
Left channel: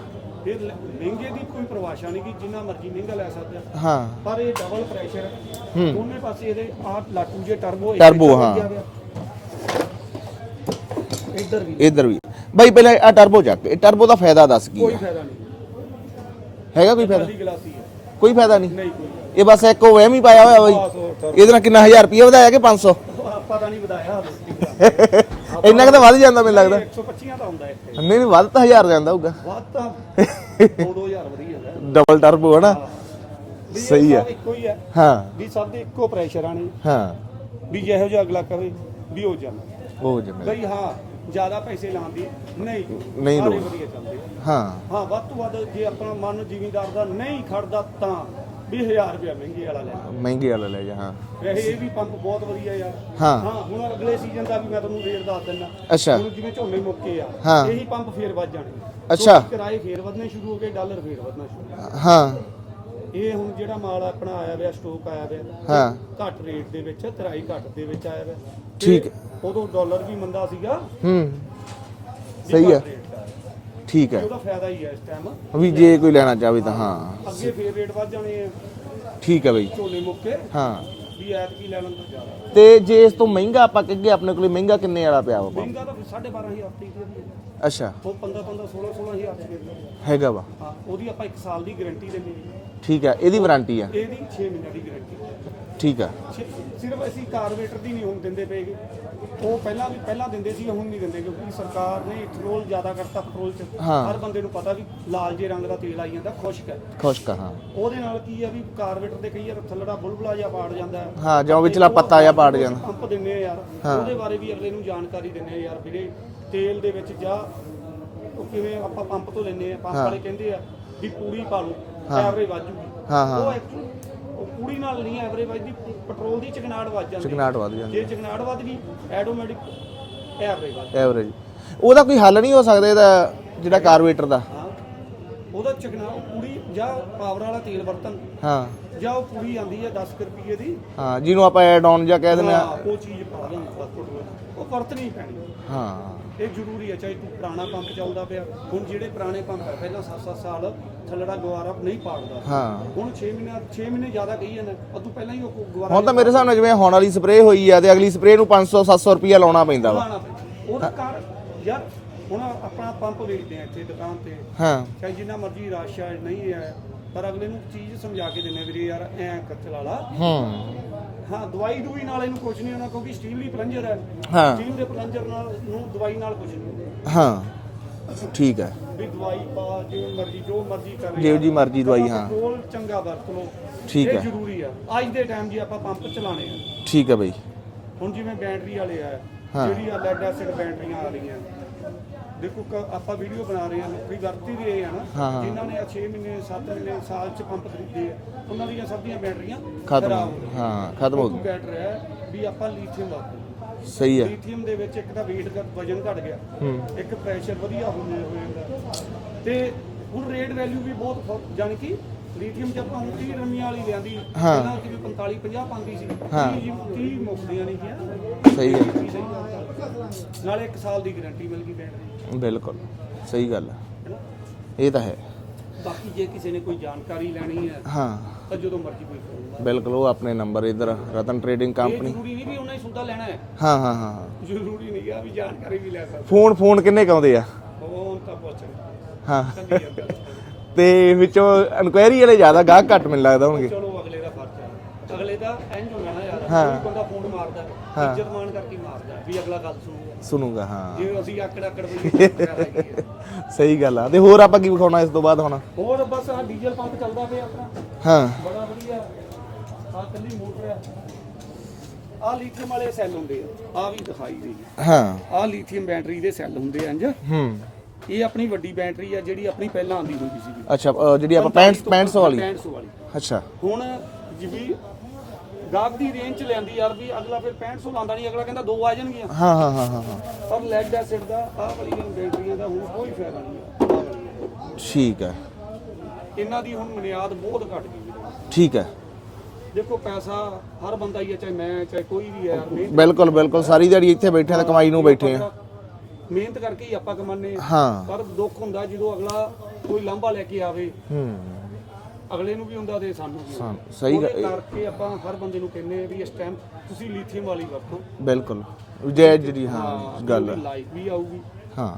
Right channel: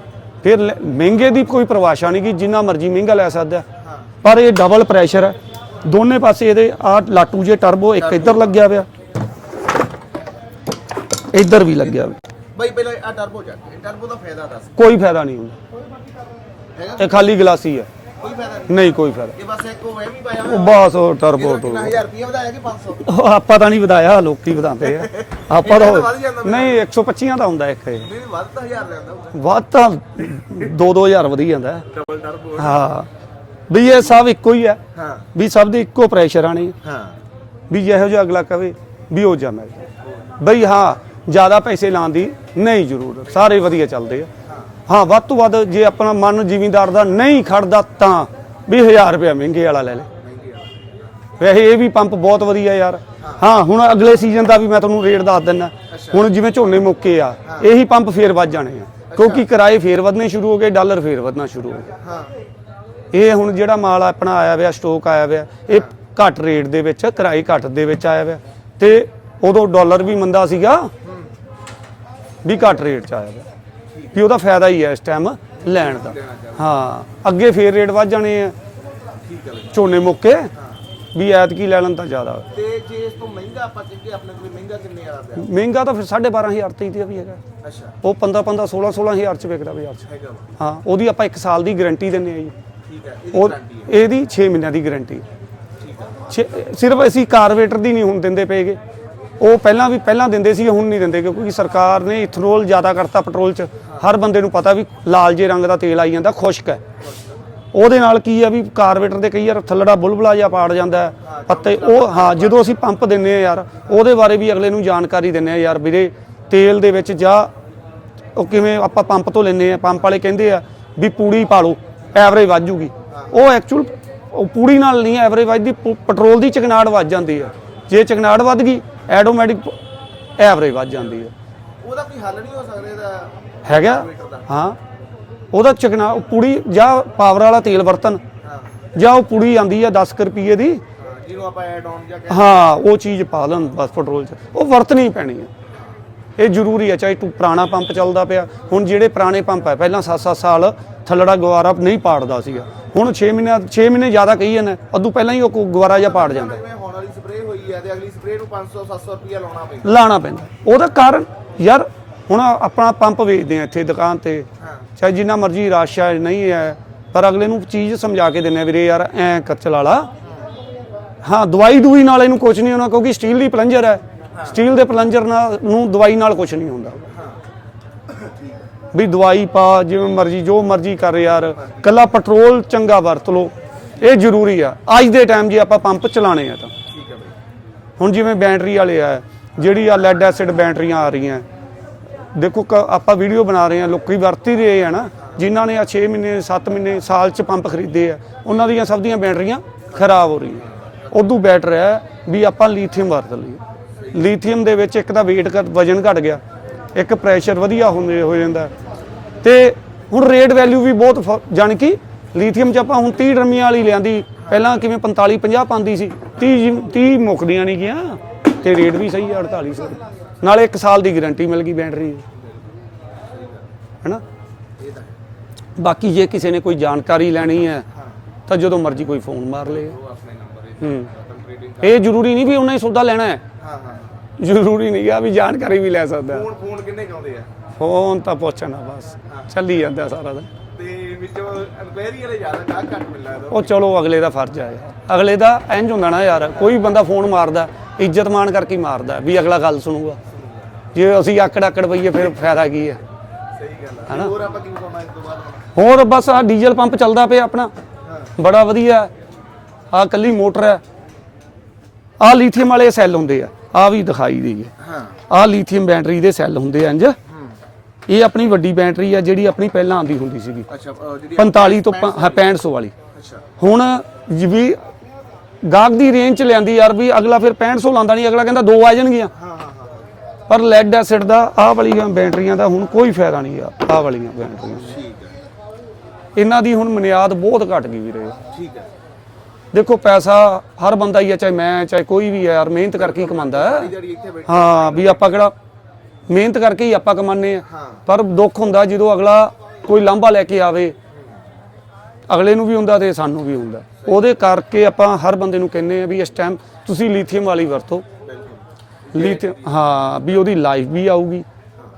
ਫਿਰ ਲੈ- ਮਹਿੰਗੇ ਦੀ ਕੋਈ ਪਰਿਭਾਸ਼ਾ ਨਹੀਂ ਕਿ ਜਿੰਨਾ ਮਰਜ਼ੀ ਮਹਿੰਗਾ ਲੈ ਸਕਦਾ ਹੈ। ਹਾਂ। ਪਰ ਇਹ ਡਬਲ ਪ੍ਰੈਸ਼ਰ ਹੈ। ਦੋਨੇ ਪਾਸੇ ਇਹਦੇ ਆ ਲਾਟੂ ਜੇ ਟਰਬੋ ਇੱਕ Turbo, ਇੱਧਰ ਹਾਂ। ਲੱਗਿਆ ਪਿਆ। ਇੱਧਰ ਵੀ ਲੱਗਿਆ। ਇੱਧਰ ਵੀ। ਬਾਈ ਪਹਿਲਾਂ ਆ ਟਰਬੋ ਚੱਕ। ਇਹ ਟਰਬੋ ਦਾ ਫਾਇਦਾ ਦੱਸ ਕੀ? ਕੋਈ ਫਾਇਦਾ ਨਹੀਂ ਹੁੰਦਾ। ਹੈਗਾ ਕੋਈ ਖਾਲੀ ਗਲਾਸੀ ਹੈ। ਕੋਈ ਫਾਇਦਾ ਨਹੀਂ? ਨਹੀਂ ਕੋਈ ਫਾਇਦਾ। ਇਹ ਬਸ ਇੱਕ ਉਹ ਵਹਿਮ ਹੀ ਪਾਇਆ ਹੋਇਆ ਹੋਵੇ। ਬਸ ਉਹ ਟਰਬੋ ਇਹਦੇ ਨਾਲ ਕਿੰਨਾ 1000 ਰੁਪਏ ਵਧਾਇਆ ਕਿ 500 ਉਹ ਆਪਾਂ ਤਾਂ ਨਹੀਂ ਵਧਾਇਆ ਲੋਕੀ ਵਧਾਉਂਦੇ ਆ। ਆਪਾਂ ਤਾਂ ਵੱਧ ਜਾਂਦਾ ਮੈਨੂੰ ਨਹੀਂ 125 ਦਾ ਹੁੰਦਾ ਇੱਕ। ਨਹੀਂ ਨਹੀਂ ਵੱਧ ਤਾਂ 1000 ਜਾਂਦਾ ਹੋਊਗਾ। ਵੱਧ ਤਾਂ 2-2000 ਵਧੀ ਜਾਂਦਾ। ਹੈ। ਡਬਲ ਟਰਬੋ ਹੈ ਨਾ। ਹਾਂ। ਵੀ ਇਹ ਸਭ ਇੱਕੋ ਹੀ ਹੈ। ਹਾਂ। ਵੀ ਸਭ ਦੇ ਇੱਕੋ ਪ੍ਰੈਸ਼ਰ ਆਣੇ ਹਾਂ। ਵੀ ਜਿਹੋ ਜਿਹਾ ਅਗਲਾ ਕਵੇ ਵੀ ਉਹ ਜਾ ਮੈਂ ਉਹ ਜੀ ਬਈ ਹਾਂ ਜ਼ਿਆਦਾ ਪੈਸੇ ਲਾਉਣ ਦੀ ਨਹੀਂ ਜ਼ਰੂਰ ਸਾਰੇ ਵਧੀਆ ਚੱਲਦੇ ਆ। ਹਾਂ। ਹਾਂ ਵੱਧ ਤੋਂ ਵੱਧ ਜੇ ਆਪਣਾ ਮਨ ਜ਼ਿਮੀਂਦਾਰ ਦਾ ਨਹੀਂ ਖੜਦਾ ਤਾਂ ਵੀ 1000 ਰੁਪਏ ਮਹਿੰਗੇ ਵਾਲਾ ਲੈ ਲੈ। ਮਹਿੰਗੇ ਵਾਲਾ ਲੈ ਜਾ ਹਾਂ। ਵੈਸੇ ਇਹ ਵੀ ਪੰਪ ਬਹੁਤ ਵਧੀਆ ਯਾਰ। ਹਾਂ। ਹੁਣ ਅਗਲੇ ਸੀਜ਼ਨ ਦਾ ਵੀ ਮੈਂ ਤੁਹਾਨੂੰ ਰੇਟ ਦੱਸ ਦਿੰਦਾ। ਹੁਣ ਜਿਵੇਂ ਝੋਨੇ ਮੁੱਕੇ ਆ। ਇਹੀ ਪੰਪ ਫੇਰ ਵੱਧ ਜਾਣੇ ਆ। ਕਿਉਂਕਿ ਕਿਰਾਏ ਫੇਰ ਵਧਨੇ ਸ਼ੁਰੂ ਹੋ ਗਏ ਡਾਲਰ ਫੇਰ ਵਧਣਾ ਸ਼ੁਰੂ ਹੋ ਗਿਆ। ਹਾਂ। ਇਹ ਹੁਣ ਜਿਹੜਾ ਮਾਲ ਆਪਣਾ ਆਇਆ ਹੋਇਆ ਸਟਾਕ ਆਇਆ ਹੋਇਆ ਇਹ। ਘੱਟ ਰੇਟ ਦੇ ਵਿੱਚ ਕਿਰਾਏ ਘੱਟ ਦੇ ਵਿੱਚ ਆਇਆ ਹੋਇਆ ਤੇ ਉਦੋਂ ਡਾਲਰ ਵੀ ਮੰਦਾ ਸੀਗਾ। ਹੂੰ। ਵੀ ਘੱਟ। ਰੇਟ ਚ ਆਇਆ। ਠੀਕ ਵੀ ਹੈ ਉਹਦਾ ਫਾਇਦਾ ਹੀ ਹੈ ਇਸ ਟਾਈਮ ਵੀ ਜੇ ਕੋਈ ਲੈਣਾ ਚਾਹਵੇ ਤਾਂ ਹਾਂ ਅੱਗੇ ਫੇਰ ਰੇਟ ਵੱਧ ਜਾਣੇ ਆ। ਠੀਕ ਹੈ ਬਈ। ਝੋਨੇ ਮੁੱਕੇ। ਹਾਂ। ਵੀ ਐਤਕੀ ਲੈ ਲੈਣ ਤਾਂ ਜ਼ਿਆਦਾ। ਤੇ ਜੇ ਇਸ ਤੋਂ ਮਹਿੰਗਾ ਆਪਾਂ ਕਹੀਏ ਆਪਣੇ ਕੋਲੇ ਮਹਿੰਗਾ ਕਿੰਨੇ ਵਾਲਾ ਪਿਆ ਵਾ? ਮਹਿੰਗਾ ਤਾਂ ਫਿਰ 12500 ਤੇ ਹੀ ਵੀ ਹੈਗਾ। ਅੱਛਾ। ਉਹ 15 15 16 16000 ਚ ਵਿਕਦਾ ਬਾਜ਼ਾਰ 'ਚ। ਹੈਗਾ ਵਾ। ਹਾਂ ਉਹਦੀ ਆਪਾਂ 1 ਸਾਲ ਦੀ ਗਾਰੰਟੀ ਦਿੰਨੇ ਆ ਜੀ। ਠੀਕ ਹੈ ਇਹਦੀ ਵਾਰੰਟੀ ਆ। ਇਹਦੀ 6 ਮਹੀਨਿਆਂ ਦੀ ਗਾਰੰਟੀ ਠੀਕ ਆ। ਸਿਰਫ ਅਸੀਂ ਕਾਰਬੇਟਰ ਦੀ ਨਹੀਂ ਹੁਣ ਦਿੰਦੇ ਪਏਗੇ। ਉਹ ਪਹਿਲਾਂ ਵੀ ਪਹਿਲਾਂ ਦਿੰਦੇ ਸੀ ਹੁਣ ਨਹੀਂ ਦਿੰਦੇ ਕਿਉਂਕਿ ਸਰਕਾਰ ਨੇ ਇਥਨੋਲ ਜ਼ਿਆਦਾ ਕਰਤਾ ਪੈਟਰੋਲ 'ਚ। ਹਰ ਬੰਦੇ ਨੂੰ ਪਤਾ ਵੀ ਲਾਲ ਜੇ ਰੰਗ ਦਾ ਤੇਲ ਆਈ ਜਾਂਦਾ ਖੁਸ਼ਕ ਹੈ। ਖੁਸ਼ ਕਹਾ ਉਹਦੇ ਨਾਲ ਕੀ ਆ ਵੀ ਕਾਰਬੇਟਰ ਦੇ ਕਈ ਵਾਰ ਥੱਲੜਾ ਬੁਲਬੁਲਾ ਜਿਹਾ ਪਾੜ ਜਾਂਦਾ ਹੈ। ਹਾਂ, ਜਾਂ ਵਿਚਲਾ ਪੱਤਾ ਹਾਂ, ਜਦੋਂ ਅਸੀਂ ਪੰਪ ਦਿੰਨੇ ਆ ਯਾਰ ਉਹਦੇ ਬਾਰੇ ਵੀ ਅਗਲੇ ਨੂੰ ਜਾਣਕਾਰੀ ਦਿੰਨੇ ਆ ਯਾਰ ਵੀਰੇ ਤੇਲ ਦੇ ਵਿੱਚ ਜਾ ਉਹ ਕਿਵੇਂ ਆਪਾਂ ਪੰਪ ਤੋਂ ਲੈਨੇ ਆ ਪੰਪ ਵਾਲੇ ਕਹਿੰਦੇ ਆ ਵੀ ਪੂੜੀ ਪਾ ਲਓ ਐਵਰੇਜ ਵੱਧ ਜੂਗੀ। ਹਾਂ, ਉਹ ਐਕਚੁਅਲ ਉਹ ਪੂੜੀ ਨਾਲ ਨਹੀਂ ਐਵਰੇਜ ਵੱਧਦੀ ਪ- ਪੈਟਰੋਲ ਦੀ ਚਕਨਾੜ ਵੱਧ ਜਾਂਦੀ ਹੈ। ਜੇ ਚਕਨਾੜ ਵੱਧ ਗਈ ਆਟੋਮੈਟਿਕ ਐਵਰੇਜ ਵੱਧ ਜਾਂਦੀ ਹੈ। ਉਹਦਾ ਕੋਈ ਹੱਲ ਨਹੀਂ ਹੋ ਸਕਦਾ ਇਹਦਾ ਜਿਹੜਾ ਹੈਗਾ? ਕਾਰਬੇਟਰ ਦਾ। ਹਾਂ। ਉਹਦਾ ਚਕਨਾ ਉਹ ਪੂੜੀ ਜਾਂ ਪਾਵਰ ਵਾਲਾ ਤੇਲ ਵਰਤਨ ਹਾਂ। ਜਾਂ ਉਹ ਪੁੜੀ ਆਂਦੀ ਆ 10 ਕੁ ਰੁਪਏ ਦੀ। ਹਾਂ ਜਿਹਨੂੰ ਆਪਾਂ ਐਡ ਆਨ ਜਾਂ ਕਹਿ ਹਾਂ ਉਹ ਚੀਜ਼ ਪਾ ਲੈਣ ਬਸ ਪੈਟਰੋਲ 'ਚ। ਉਹ ਵਰਤਣੀ ਪੈਣੀ ਹੈ। ਹਾਂ। ਇਹ ਜ਼ਰੂਰੀ ਹੈ ਚਾਹੇ ਤੂੰ ਪੁਰਾਣਾ ਪੰਪ ਚੱਲਦਾ ਪਿਆ ਹੁਣ ਜਿਹੜੇ ਪੁਰਾਣੇ ਪੰਪ ਹੈ ਪਹਿਲਾਂ 7-7 ਸਾਲ ਥੱਲੜਾ ਗਵਾਰਾ ਨਹੀਂ ਪਾੜਦਾ ਸੀ ਹੁਣ 6 ਮਹੀਨੇ 6 ਮਹੀਨੇ ਜ਼ਿਆਦਾ ਕਹੀ ਜਾਂਦੇ ਅਦੋਂ ਪਹਿਲਾਂ ਹੀ ਉਹ ਗਵਾਰਾ ਤਾਂ ਜਿਹਾ ਮੇਰੇ ਜਿਵੇਂ ਹੁਣ ਵਾਲੀ ਸਪਰੇਅ ਹੋਈ ਆ ਤੇ ਅਗਲੀ ਸਪਰੇਅ ਨੂੰ 500 700 ਰੁਪਿਆ ਲਾਉਣਾ ਪੈਂਦਾ। ਲਾਣਾ ਪੈਂਦਾ। ਉਹਦਾ ਕਾਰਨ ਯਾਰ ਹੁਣ ਆਪਣਾ ਪੰਪ ਵੇਚਦੇ ਆ ਇੱਥੇ ਦੁਕਾਨ ਤੇ। ਹਾਂ। ਚਾਹੇ ਜਿੰਨਾ ਮਰਜ਼ੀ ਰਸ਼ ਨਹੀਂ ਹੈ ਪਰ ਅਗਲੇ ਨੂੰ ਚੀਜ਼ ਸਮਝਾ ਕੇ ਦਿੰਨੇ ਆ ਵੀਰੇ ਯਾਰ ਐ ਕਰ ਚਲਾ ਲਾ ਹੂੰ। ਹਾਂ ਦਵਾਈ ਦੂਈ ਨਾਲ ਇਹਨੂੰ ਕੁਝ ਨਹੀਂ ਹੋਣਾ ਕਿਉਂਕਿ ਸਟੀਲ ਦੀ ਪਲੰਜਰ ਹੈ। ਹਾਂ। ਸਟੀਲ ਦੇ ਪਲੰਜਰ ਨਾਲ ਨੂੰ ਦਵਾਈ ਨਾਲ ਕੁਝ ਨਹੀਂ ਹੁੰਦਾ। ਹਾਂ ਠੀਕ ਹੈ। ਵੀ ਦਵਾਈ ਪਾ ਜਿਵੇਂ ਮਰਜ਼ੀ ਜੋ ਮਰਜ਼ੀ ਕਰ ਯਾਰ। ਮਰਜ਼ੀ ਕੱਲਾ ਦਵਾਈ, ਹਾਂ। ਪੈਟਰੋਲ ਚੰਗਾ ਵਰਤ ਠੀਕ ਇਹ ਜ਼ਰੂਰੀ ਆ। ਅੱਜ ਦੇ ਟਾਈਮ ਜੇ ਆਪਾਂ ਪੰਪ ਚਲਾਣੇ ਆ ਤਾਂ। ਠੀਕ ਹੈ ਬਈ। ਹੁਣ ਜਿਵੇਂ ਬੈਟਰੀ ਵਾਲੇ ਆ ਜਿਹੜੀ ਆ ਲੈਡ ਐਸਿਡ ਬੈਟਰੀਆਂ ਆ ਰਹੀਆਂ। ਦੇਖੋ ਕ- ਆਪਾਂ ਵੀਡੀਓ ਬਣਾ ਰਹੇ ਆ ਲੋਕੀ ਵਰਤ ਹੀ ਰਹੇ ਆ ਨਾ। ਜਿਨ੍ਹਾਂ ਨੇ ਆ 6 ਮਹੀਨੇ 7 ਮਹੀਨੇ ਸਾਲ ਚ ਪੰਪ ਖਰੀਦੇ ਆ ਉਹਨਾਂ ਦੀਆਂ ਸਭ ਦੀਆਂ ਬੈਟਰੀਆਂ ਖਰਾਬ ਹੋ ਰਹੀਆਂ। ਹਾਂ ਖਤਮ ਉਦੋਂ ਬੈਟਰ ਹੈ ਵੀ ਆਪਾਂ ਲੀਥੀਅਮ ਵਰਤ ਲਈਏ। ਸਹੀ ਹੈ। ਲੀਥੀਅਮ ਦੇ ਵਿੱਚ ਇੱਕ ਤਾਂ weight ਘੱਟ ਵਜਨ ਘਟ ਗਿਆ। ਇੱਕ ਪ੍ਰੈਸ਼ਰ ਵਧੀਆ ਹੁੰਦੇ ਹੋ ਜਾਂਦਾ। ਤੇ ਹੁਣ ਰੇਟ ਵੈਲਿਊ ਵੀ ਬਹੁਤ ਜਾਣੀ ਕਿ ਲੀਥੀਅਮ ਚ ਆਪਾਂ ਹੁਣ 30 ਡਰਮੀਆਂ ਵਾਲੀ ਲਿਆਂਦੀ। ਪਹਿਲਾਂ ਕਿਵੇਂ 45 50 ਪਾਉਂਦੀ ਸੀ। 30 ਜਿ- 30 ਮੁੱਕਦੀਆਂ ਨਹੀਂ ਗਿਆ। ਤੇ ਰੇਟ ਵੀ ਸਹੀ ਹੈ 4800 ਨਾਲੇ 1 ਸਾਲ ਦੀ ਗਾਰੰਟੀ ਮਿਲ ਗਈ ਬੈਟਰੀ ਦੀ, ਬਿਲਕੁਲ। ਸਹੀ ਗੱਲ ਹੈ। ਹੈਨਾ? ਇਹ ਤਾਂ ਹੈ। ਬਾਕੀ ਜੇ ਕਿਸੇ ਨੇ ਕੋਈ ਜਾਣਕਾਰੀ ਲੈਣੀ ਹੈ ਹਾਂ। ਤਾਂ ਜਦੋਂ ਮਰਜ਼ੀ ਕੋਈ ਫੋਨ ਮਾਰ ਲੇ ਬਿਲਕੁਲ ਉਹ ਆਪਣੇ ਨੰਬਰ ਇਧਰ ਰਤਨ ਟ੍ਰੇਡਿੰਗ ਕਰ ਇਹ ਜ਼ਰੂਰੀ ਨਹੀਂ ਵੀ ਉਹਨਾਂ ਹੀ ਸੌਦਾ ਲੈਣਾ ਹੈ। ਹਾਂ ਹਾਂ ਹਾਂ। ਜ਼ਰੂਰੀ ਨਹੀਂ ਆ ਵੀ ਜਾਣਕਾਰੀ ਵੀ ਲੈ ਸਕਦਾ। ਫੋਨ ਫੋਨ ਕਿੰਨੇ ਕਾਉਂਦੇ ਆ? ਫੋਨ ਤਾਂ ਪੁੱਛਣਾ ਬਸ। ਚੱਲੀ ਜਾਂਦਾ ਸਾਰਾ ਦਿਨ। ਤੇ ਵਿੱਚੋਂ ਇਨਕੁਆਇਰੀ ਵਾਲੇ ਜ਼ਿਆਦਾ ਗਾਹਕ ਘੱਟ ਮੈਨੂੰ ਲੱਗਦਾ ਉਹ ਚਲੋ ਅਗਲੇ ਦਾ ਫਰਜ਼ ਆ। ਅਗਲੇ ਦਾ ਇੰਜ ਹੁੰਦਾ ਨਾ ਯਾਰ ਕੋਈ ਬੰਦਾ ਫੋਨ ਮਾਰਦਾ ਇੱਜ਼ਤ ਮਾਨ ਕਰਕੇ ਮਾਰਦਾ ਵੀ ਅਗਲਾ ਗੱਲ ਸੁਣੂਗਾ। ਸੁਣੂਗਾ ਹਾਂ। ਜੇ ਅਸੀਂ ਆਕੜ ਆਕੜ ਪਈਏ ਫਿਰ ਫਾਇਦਾ ਕੀ ਹੈ? ਸਹੀ ਗੱਲ ਆ। ਤੇ ਹੋਰ ਆਪਾਂ ਕੀ ਵਿਖਾਉਣਾ ਇਸ ਤੋਂ ਬਾਅਦ ਹੁਣ? ਹੋਰ ਬਸ ਆ ਡੀਜ਼ਲ ਪੰਪ ਚੱਲਦਾ ਪਿਆ ਆਪਣਾ। ਹਾਂ। ਬੜਾ ਵਧੀਆ। ਆ ਕੱਲੀ ਮੋਟਰ ਹੈ। ਆ ਲੀਥੀਅਮ ਵਾਲੇ ਸੈੱਲ ਹੁੰਦੇ ਆ। ਆ ਵੀ ਦਿਖਾਈ ਦੇਈਏ ਹਾਂ। ਆ ਲੀਥੀਅਮ ਬੈਟਰੀ ਦੇ ਸੈੱਲ ਹੁੰਦੇ ਆ ਇੰਜ ਹੂੰ। ਇਹ ਆਪਣੀ ਵੱਡੀ ਬੈਟਰੀ ਆ ਜਿਹੜੀ ਆਪਣੀ ਪਹਿਲਾਂ ਆਂਦੀ ਹੁੰਦੀ ਸੀਗੀ। ਅੱਛਾ ਜਿਹੜੀ 45 ਤੋਂ 65 ਹਾਂ, 6500 ਵਾਲੀ। ਅੱਛਾ। ਹੁਣ ਜਿਵੇਂ ਗਾਹਕ ਦੀ ਰੇਂਜ ਚ ਲਿਆਂਦੀ ਯਾਰ ਵੀ ਅਗਲਾ ਫਿਰ 6500 ਲਾਂਦਾ ਨਹੀਂ ਅਗਲਾ ਕਹਿੰਦਾ ਦੋ ਆ ਜਾਣਗੀਆਂ। ਹਾਂ ਹਾਂ ਹਾਂ ਹਾਂ। ਪਰ ਲੈਡ ਐਸਿਡ ਦਾ ਆਹ ਵਾਲੀਆਂ ਬੈਟਰੀਆਂ ਦਾ ਹੁਣ ਕੋਈ ਫਾਇਦਾ ਨਹੀਂ ਆ ਆਹ ਵਾਲੀਆਂ ਬੈਟਰੀਆਂ ਠੀਕ ਹੈ। ਇਹਨਾਂ ਦੀ ਹੁਣ ਮਨਿਆਦ ਬਹੁਤ ਘਟ ਗਈ ਵੀਰੇ। ਠੀਕ ਹੈ। ਦੇਖੋ ਪੈਸਾ ਹਰ ਬੰਦਾ ਹੀ ਆ ਚਾਹੇ ਮੈਂ ਚਾਹੇ ਕੋਈ ਵੀ ਆ ਯਾਰ ਮਿਹਨਤ ਕਰਕੇ ਬਿਲਕੁਲ ਹੈ। ਸਾਰੀ ਦਿਹਾੜੀ ਇੱਥੇ ਬੈਠੇ ਹਾਂ ਦਵਾਈ ਨੂੰ ਵੀ ਆਪਾਂ ਬੈਠੇ ਕਿਹੜਾ ਮਿਹਨਤ ਕਰਕੇ ਹੀ ਆਪਾਂ ਕਮਾਉਂਦੇ ਆ ਹਾਂ। ਪਰ ਦੁੱਖ ਹੁੰਦਾ ਜਦੋਂ ਅਗਲਾ ਕੋਈ ਲਾਂਭਾ ਲੈ ਕੇ ਆਵੇ। ਹੂੰ। ਅਗਲੇ ਨੂੰ ਵੀ ਹੁੰਦਾ ਤੇ ਸਾਨੂੰ ਵੀ ਹੁੰਦਾ। ਉਹਦੇ ਕਰਕੇ ਆਪਾਂ ਹਰ ਬੰਦੇ ਨੂੰ ਕਹਿੰਦੇ ਆ ਵੀ ਇਸ ਟਾਈਮ ਤੁਸੀਂ ਲੀਥੀਅਮ ਵਾਲੀ ਵਰਤੋ। ਬਿਲਕੁਲ। ਜੈ ਜੀ ਹਾਂ ਵੀ ਉਹਦੀ ਲਾਈਫ ਵੀ ਆਊਗੀ। ਹਾਂ।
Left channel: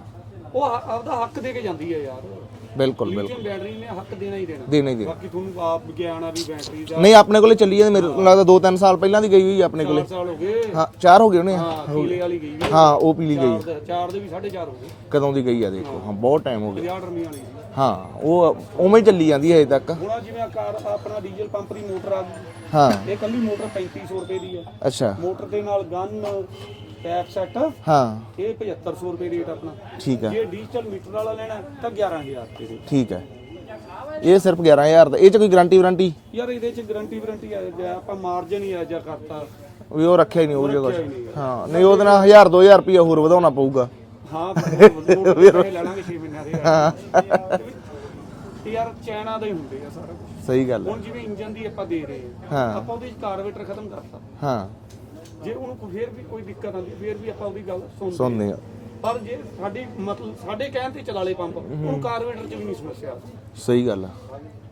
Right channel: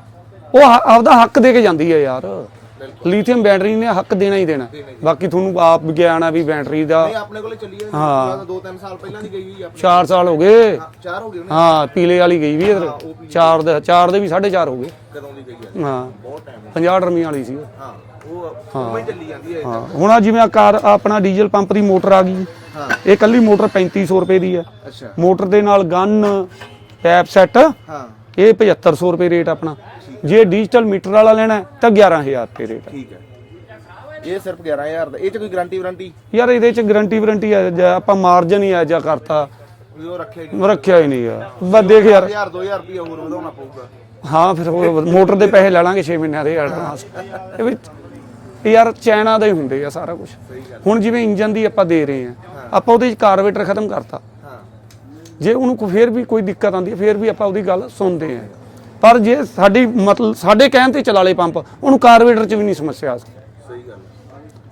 ਉਹ ਹ- ਆਪਦਾ ਹੱਕ ਦੇ ਕੇ ਜਾਂਦੀ ਹੈ ਯਾਰ। ਬਿਲਕੁਲ ਲੀਥੀਅਮ ਬੈਟਰੀ ਨੇ ਹੱਕ ਦੇਣਾ ਹੀ ਦੇਣਾ। ਦੇਣਾ ਹੀ ਦੇਣਾ। ਬਾਕੀ ਤੁਹਾਨੂੰ ਆਪ ਵਿਗਿਆਨ ਆ ਵੀ ਬੈਟਰੀ ਦਾ ਨਹੀਂ ਆਪਣੇ ਕੋਲੇ ਚੱਲੀ ਜਾਂਦੀ। ਮੈਨੂੰ ਲੱਗਦਾ 2-3 ਸਾਲ ਪਹਿਲਾਂ ਦੀ ਗਈ ਹੋਈ ਆਪਣੇ 4 ਸਾਲ ਹੋ ਗਏ। ਹਾਂ 4 ਹੋ ਗਏ ਉਹਨੇ। ਹਾਂ ਪੀਲੇ ਵਾਲੀ ਗਈ ਵੀ ਹਾਂ ਉਹ ਪੀਲੀ ਚਾਰ ਦੇ ਚਾਰ ਦੇ ਵੀ 4.5 ਹੋ ਗਏ। ਕਦੋਂ ਦੀ ਗਈ ਆ ਦੇਖੋ ਹਾਂ, ਬਹੁਤ ਟਾਈਮ ਹੋ ਗਿਆ। 50 ਡਰਮੀ ਵਾਲੀ ਸੀ। ਹਾਂ ਉਹ ਉਵੇਂ ਹੀ ਚੱਲੀ ਜਾਂਦੀ ਹੈ ਅਜੇ ਤੱਕ। ਹੁਣ ਆ ਜਿਵੇਂ ਆ ਕਾਰ ਆਪਣਾ ਡੀਜ਼ਲ ਪੰਪ ਦੀ ਮੋਟਰ ਆ ਗਈ। ਹਾਂ। ਇਹ ਕੱਲੀ ਮੋਟਰ 3500 ਰੁਪਏ ਦੀ ਹੈ। ਅੱਛਾ। ਮੋਟਰ ਦੇ ਨਾਲ ਗਨ ਪੈਪ ਸੈੱਟ। ਹਾਂ। ਇਹ 7500 ਰੁਪਏ ਰੇਟ ਆਪਣਾ। ਠੀਕ ਹੈ। ਜੇ ਡਿਜੀਟਲ ਮੀਟਰ ਵਾਲਾ ਲੈਣਾ ਹੈ ਤਾਂ 11000 ਰੁਪਏ ਰੇਟ। ਠੀਕ ਹੈ। ਇਹ ਸਿਰਫ 11000 ਦਾ। ਇਹ ਚ ਕੋਈ ਗਾਰੰਟੀ ਵਾਰੰਟੀ? ਯਾਰ ਇਹਦੇ ਚ ਗਾਰੰਟੀ ਵਾਰੰਟੀ ਆ ਜਾਂ ਆਪਾਂ ਮਾਰਜਨ ਹੀ ਆ ਜਾਂ ਕਰਤਾ। ਵੀ ਉਹ ਰੱਖਿਆ ਹੀ ਨਹੀਂ ਉਹ ਰੱਖਿਆ ਹੀ ਨਹੀਂ ਬਸ ਦੇਖ 1000 2000 ਰੁਪਏ ਹੋਰ ਵਧਾਉਣਾ ਪਊਗਾ। ਹਾਂ ਮੋਟਰ ਦੇ ਪੈਸੇ ਲੈ ਲਾਂਗੇ 6 ਮਹੀਨਿਆਂ ਦੇ ਇਹ ਯਾਰ ਚਾਈਨਾ ਦਾ ਹੀ ਹੁੰਦੇ ਆ ਸਾਰਾ ਕੁਝ ਸਹੀ ਗੱਲ ਹੁਣ ਜਿਵੇਂ ਇੰਜਨ ਦੀ ਆਪਾਂ ਦੇ ਰਹੇ ਆ। ਆਪਾਂ ਉਹਦੇ ਚ ਕਾਰਬੇਟਰ ਖਤਮ ਕਰਤਾ। ਹਾਂ। ਜੇ ਉਹਨੂੰ ਕੋਈ ਫੇਰ ਵੀ ਕੋਈ ਦਿੱਕਤ ਆਉਂਦੀ ਹੈ ਫੇਰ ਵੀ ਆਪਾਂ ਉਹਦੀ ਗੱਲ ਸੁਣਦੇ ਆ ਪਰ ਜੇ ਸਾਡੀ ਮਤਲਬ ਸਾਡੇ ਕਹਿਣ ਤੇ ਚਲਾ ਲਏ ਪੰਪ ਉਹਨੂੰ ਕਾਰਬੇਟਰ 'ਚ ਵੀ ਨਹੀਂ ਸਮੱਸਿਆ ਆ ਸਕਦੀ। ਸਹੀ ਗੱਲ ਆ।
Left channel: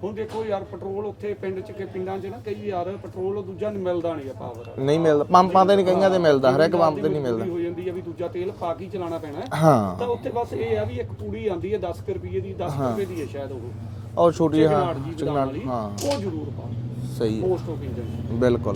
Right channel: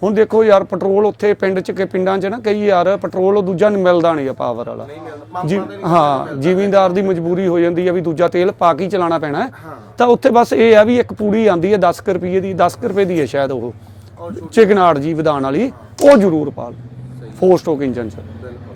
ਹੁਣ ਦੇਖੋ ਯਾਰ ਪੈਟਰੋਲ ਉੱਥੇ ਪਿੰਡ 'ਚ ਕਿ ਪਿੰਡਾਂ 'ਚ ਨਾ ਕਈ ਯਾਰ ਪੈਟਰੋਲ ਉਹ ਦੂਜਾ ਨਹੀਂ ਮਿਲਦਾ ਨਹੀਂ ਆ ਪਾਵਰ ਵਾਲਾ। ਨਹੀਂ ਮਿਲਦਾ ਪੰਪਾਂ ਤੇ ਨਹੀਂ ਹਾਂ ਮਿਲਦਾ ਜ਼ਿਮੀਂਦਾਰ ਦੀ ਮਜਬੂਰੀ ਹੋ ਜਾਂਦੀ ਆ ਵੀ ਦੂਜਾ ਤੇਲ ਪਾ ਕੇ ਹੀ ਚਲਾਉਣਾ ਪੈਣਾ ਹੈ। ਹਾਂ। ਤਾਂ ਉੱਥੇ ਬਸ ਇਹ ਆ ਵੀ ਇੱਕ ਪੂੜੀ ਆਂਦੀ ਹੈ 10 ਕੁ ਰੁਪਏ ਦੀ 10 ਕੁ ਰੁਪਏ ਦੀ ਹੈ ਸ਼ਾਇਦ ਉਹ। ਉਹ ਛੋਟੀ ਚਿਕਨਾੜ ਜੀ ਵਿਧਾਨ ਵਾਲੀ ਉਹ ਜ਼ਰੂਰ ਪਾ ਲਓ। ਸਹੀ ਫੋਰ ਸਟੋਕ ਇੰਜਨ 'ਚ। ਬਿਲਕੁਲ।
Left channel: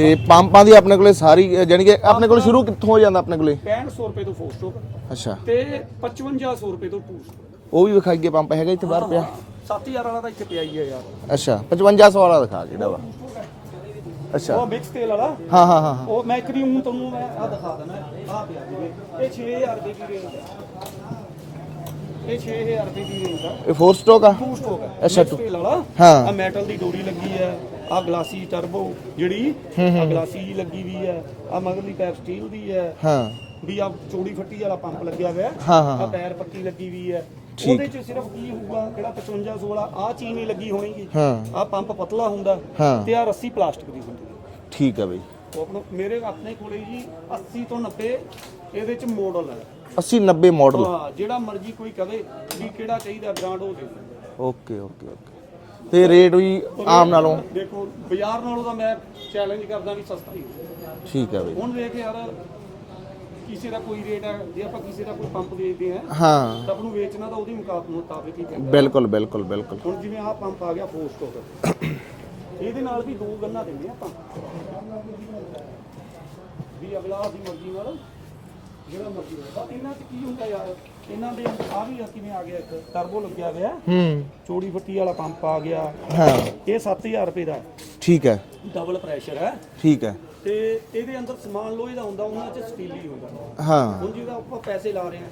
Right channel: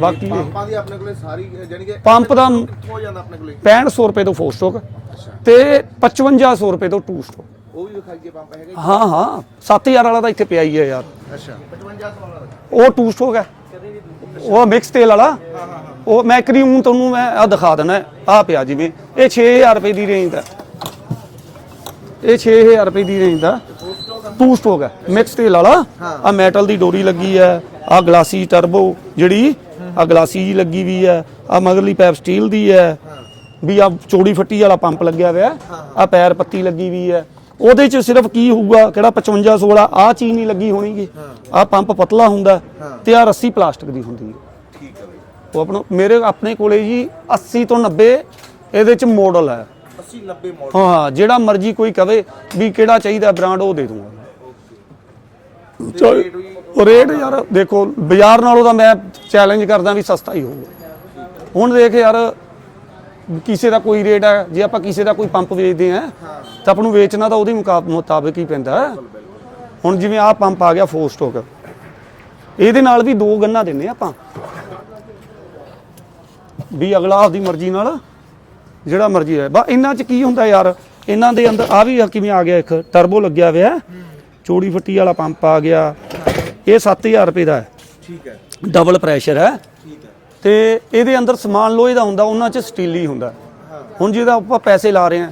ਤੇ ਪੰਪਾਂ ਦੀ ਆਪਣੇ ਕੋਲੇ ਸਾਰੀ ਜਾਨੀ ਕਿ ਆਪਣੇ ਕੋਲ ਸ਼ੁਰੂ ਕਿੱਥੋਂ ਹੋ ਜਾਂਦਾ ਆਪਣੇ ਕੋਲੇ? 6500 ਰੁਪਏ ਤੋਂ ਫੋਰ ਸਟੋਕ ਅੱਛਾ। ਤੇ 5500 ਰੁਪਏ ਤੋਂ ਟੂ ਸਟੋਕ ਉਹ ਵੀ ਵਿਖਾਈਏ ਪੰਪ ਹੈਗਾ ਇੱਥੇ? ਹਾਂ ਹਾਂ। 7000 ਵਾਲਾ ਤਾਂ ਇੱਥੇ ਪਿਆ ਹੀ ਹੈ ਯਾਰ। ਅੱਛਾ 5500 ਵਾਲਾ ਦਿਖਾ ਦੇ ਉਹ ਟੂ ਸਟੋਕ ਹੈ। ਉਹ ਮਿਕਸ ਤੇਲ ਵਾਲਾ। ਹਾਂ ਹਾਂ ਹਾਂ ਉਹ ਮੈਂ ਕਰੀਮ ਤੁਹਾਨੂੰ ਮੈਂ ਆ ਦਿਖਾ ਦੇਣਾ ਆ ਪਿਆ ਜਿਵੇਂ। ਇਹ 6000 ਰੁਪਏ ਦੀ ਰੇਂਜ ਦਾ ਇਹ 6000 ਰੁਪਏ ਦੀ ਰੇਂਜ ਦਾ ਇਹ ਫੋਰ ਸਟੋਕ ਆ? ਟੂ ਸਟੋਕ ਹੈ। ਮਿਕਸ ਤੇਲ ਵਾਲਾ। ਹਾਂ। ਆ ਮੈਟਲ ਦੀ ਡੋਰੀ ਲੱਗੀ ਹੈ। ਆ ਗਲਾਸੀ ਟਰਬੋ ਜਿਹੜੀ ਆ ਗਲਾਸੀ ਜੀ ਲੱਗੀ ਵੀ ਹੈ ਆ ਮਗਰਲੀ ਪੈਪ ਸਟੀਲ ਦੀ ਹੈ। ਹਾਂ। ਵੀ ਆ ਚੌੜੀ ਫੱਟੀ ਵਾਲਾ ਪੰਪ ਲੱਗਿਆ ਹੋਇਆ। ਆ ਪੈਰ ਪੱਤੀ ਲੱਗੀ ਵੀ ਹੈ। ਉਹਦੇ ਚ ਸਿਰਫ ਕੀ ਹੋਊਗਾ ਕਿਹੜਾ 55 16 ਆ ਚੀਜ਼ ਨਹੀਂ ਲੱਗੀ ਹੋਣੀਗੀ। ਆ ਪੰਪ ਪਤਲਾ ਹੁੰਦਾ। ਤੇ ਆ ਰੱਸੀ ਪਲਾਸਟਿਕ ਦੀ ਹੁੰਦੀ ਹੈ। ਠੀਕ ਹੈ ਬਈ। ਉਹ ਆਪਣਾ ਮੇਰੇ ਆਪਣੇ ਕੋਲੇ ਜੀ 80 ਤੋਂ 90 ਇਹਦੇ ਚ ਮਾਡਲ ਹੈ। 80 90 ਮਾਡਲ ਹਾਂ ਜਿਹੜਾ ਮਰਜ਼ੀ ਕੋਈ ਕਵੇ ਵੀ ਕਿਹੜਾ ਚਾਹੀਦਾ ਬ੍ਰਾਂਡ ਉਹ ਦੇ ਦੂੰਗਾ। ਓਕੇ ਤੇ ਰੇਟ ਵੀ ਉਹ ਰੇਟ ਯਾਰ ਦੇਖੋ ਬਾਜ਼ਾਰ ਨਾਲੋਂ ਤਾਂ ਮੈਂ ਚੈਲੰਜ ਕਰਦਾ ਵੀ ਸਸਤਾ ਹੀ ਹੋਊਗਾ। ਠੀਕ ਹੈ ਹੁਣ ਦੇਖ ਯਾਰ ਕਿਸੇ ਦਾ ਕੋਈ ਰੇਟ ਹੈ ਜੇ ਆਪਾਂ ਕਿਸੇ ਦਾ ਕੋਈ ਪੰਪ ਵੇਚਦੇ ਆ ਹਾਂ। ਤਾਂ ਆਪਾਂ ਨੂੰ ਵੇਚਣਾ ਤਾਂ ਉਹਦੇ ਮੁਕਾ- ਮੁਤਾਬਕ ਹੀ ਪੈਂਦਾ। ਹੈ। ਬਿਲਕੁਲ ਬਿਲਕੁਲ ਬਿਲਕੁਲ। ਹੁਣ ਜਿਵੇਂ ਆਹ ਪੰਪ ਆ ਗਿਆ ਫੋਰ ਸਟੋਕ ਇਹਦੇ ਨਾਲ ਵੀ ਦੋ ਗੰਨਾ ਦਿੰਨੇ ਆ ਆਪਾਂ। ਵੀ ਅਗਲਾ ਆਪਦੀ ਮਰਜ਼ੀ ਨਾਲ ਜਿਹੜਾ ਮਰਜ਼ੀ ਹੈ ਬਾ ਇਹਨਾਂ 'ਚ ਕੀ ਹੁੰਦਾ ਯਾਰ? ਇਹਨਾਂ ਦੇ ਅੰਦਰ ਆ ਵੀ ਕਿਵੇਂ ਆ ਗਿਆ ਇੱਕ ਟਰਬੋ ਲੱਗਿਆ ਹੋਇਆ। ਹੂੰ। ਚੋੜੀ ਫੱਟੀ ਵਾਲਾ ਪੰਪ ਆ ਗਿਆ। ਹਾਂ। ਇਹ 7000 ਰੁਪਏ ਦਾ ਹੈ। ਠੀਕ ਹੈ। ਡਬਲ ਪ੍ਰੈਸ਼ਰ ਹੈ। ਠੀਕ ਹੈ। ਤੇ ਇਹਦੇ ਅੰਦਰ ਸਮਾਨ ਲੋਹੇ ਦਾ ਹੁੰਦਾ ਉਹਨਾਂ 'ਚ ਸਟੀਲ ਹੀ ਹੁੰਦਾ। ਹਾਂ। ਹੁਣ ਜਿਹਦਾ ਆਪਾਂ ਪੈਸੇ ਲਾ ਰਹੇ ਆ